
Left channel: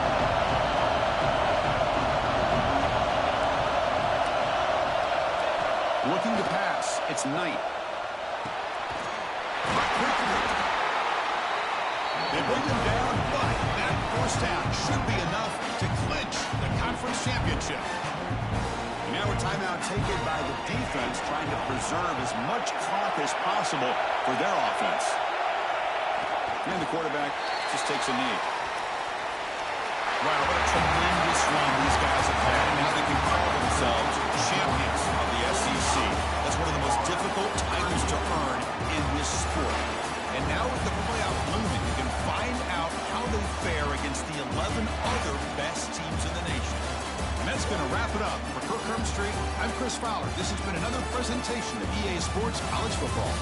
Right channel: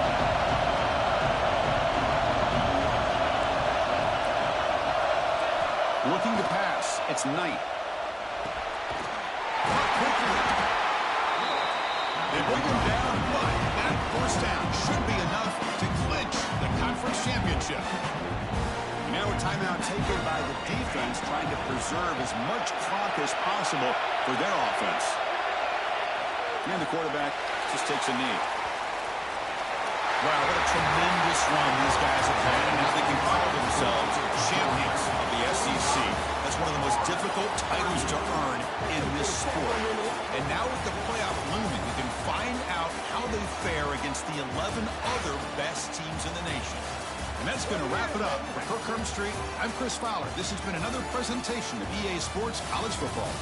Looking to pass. It's Knight. Quickly. They bring him down, but that first down should be enough to clinch the conference championship. And now a timeout taken by the defense, trying to preserve as much clock as possible for their offense. And the quarterback just takes a knee. Wow, what a tremendous run these guys have had, and now they can call themselves champions of the SEC. That's one of the most difficult titles to earn in this sport. And now with the playoff looming, you can find out how they fare against the 11 other best teams in the nation. And that's going to wrap it up. For Kirk Street, I'm Chris Fowler. This has been another presentation of EA Sports College Football.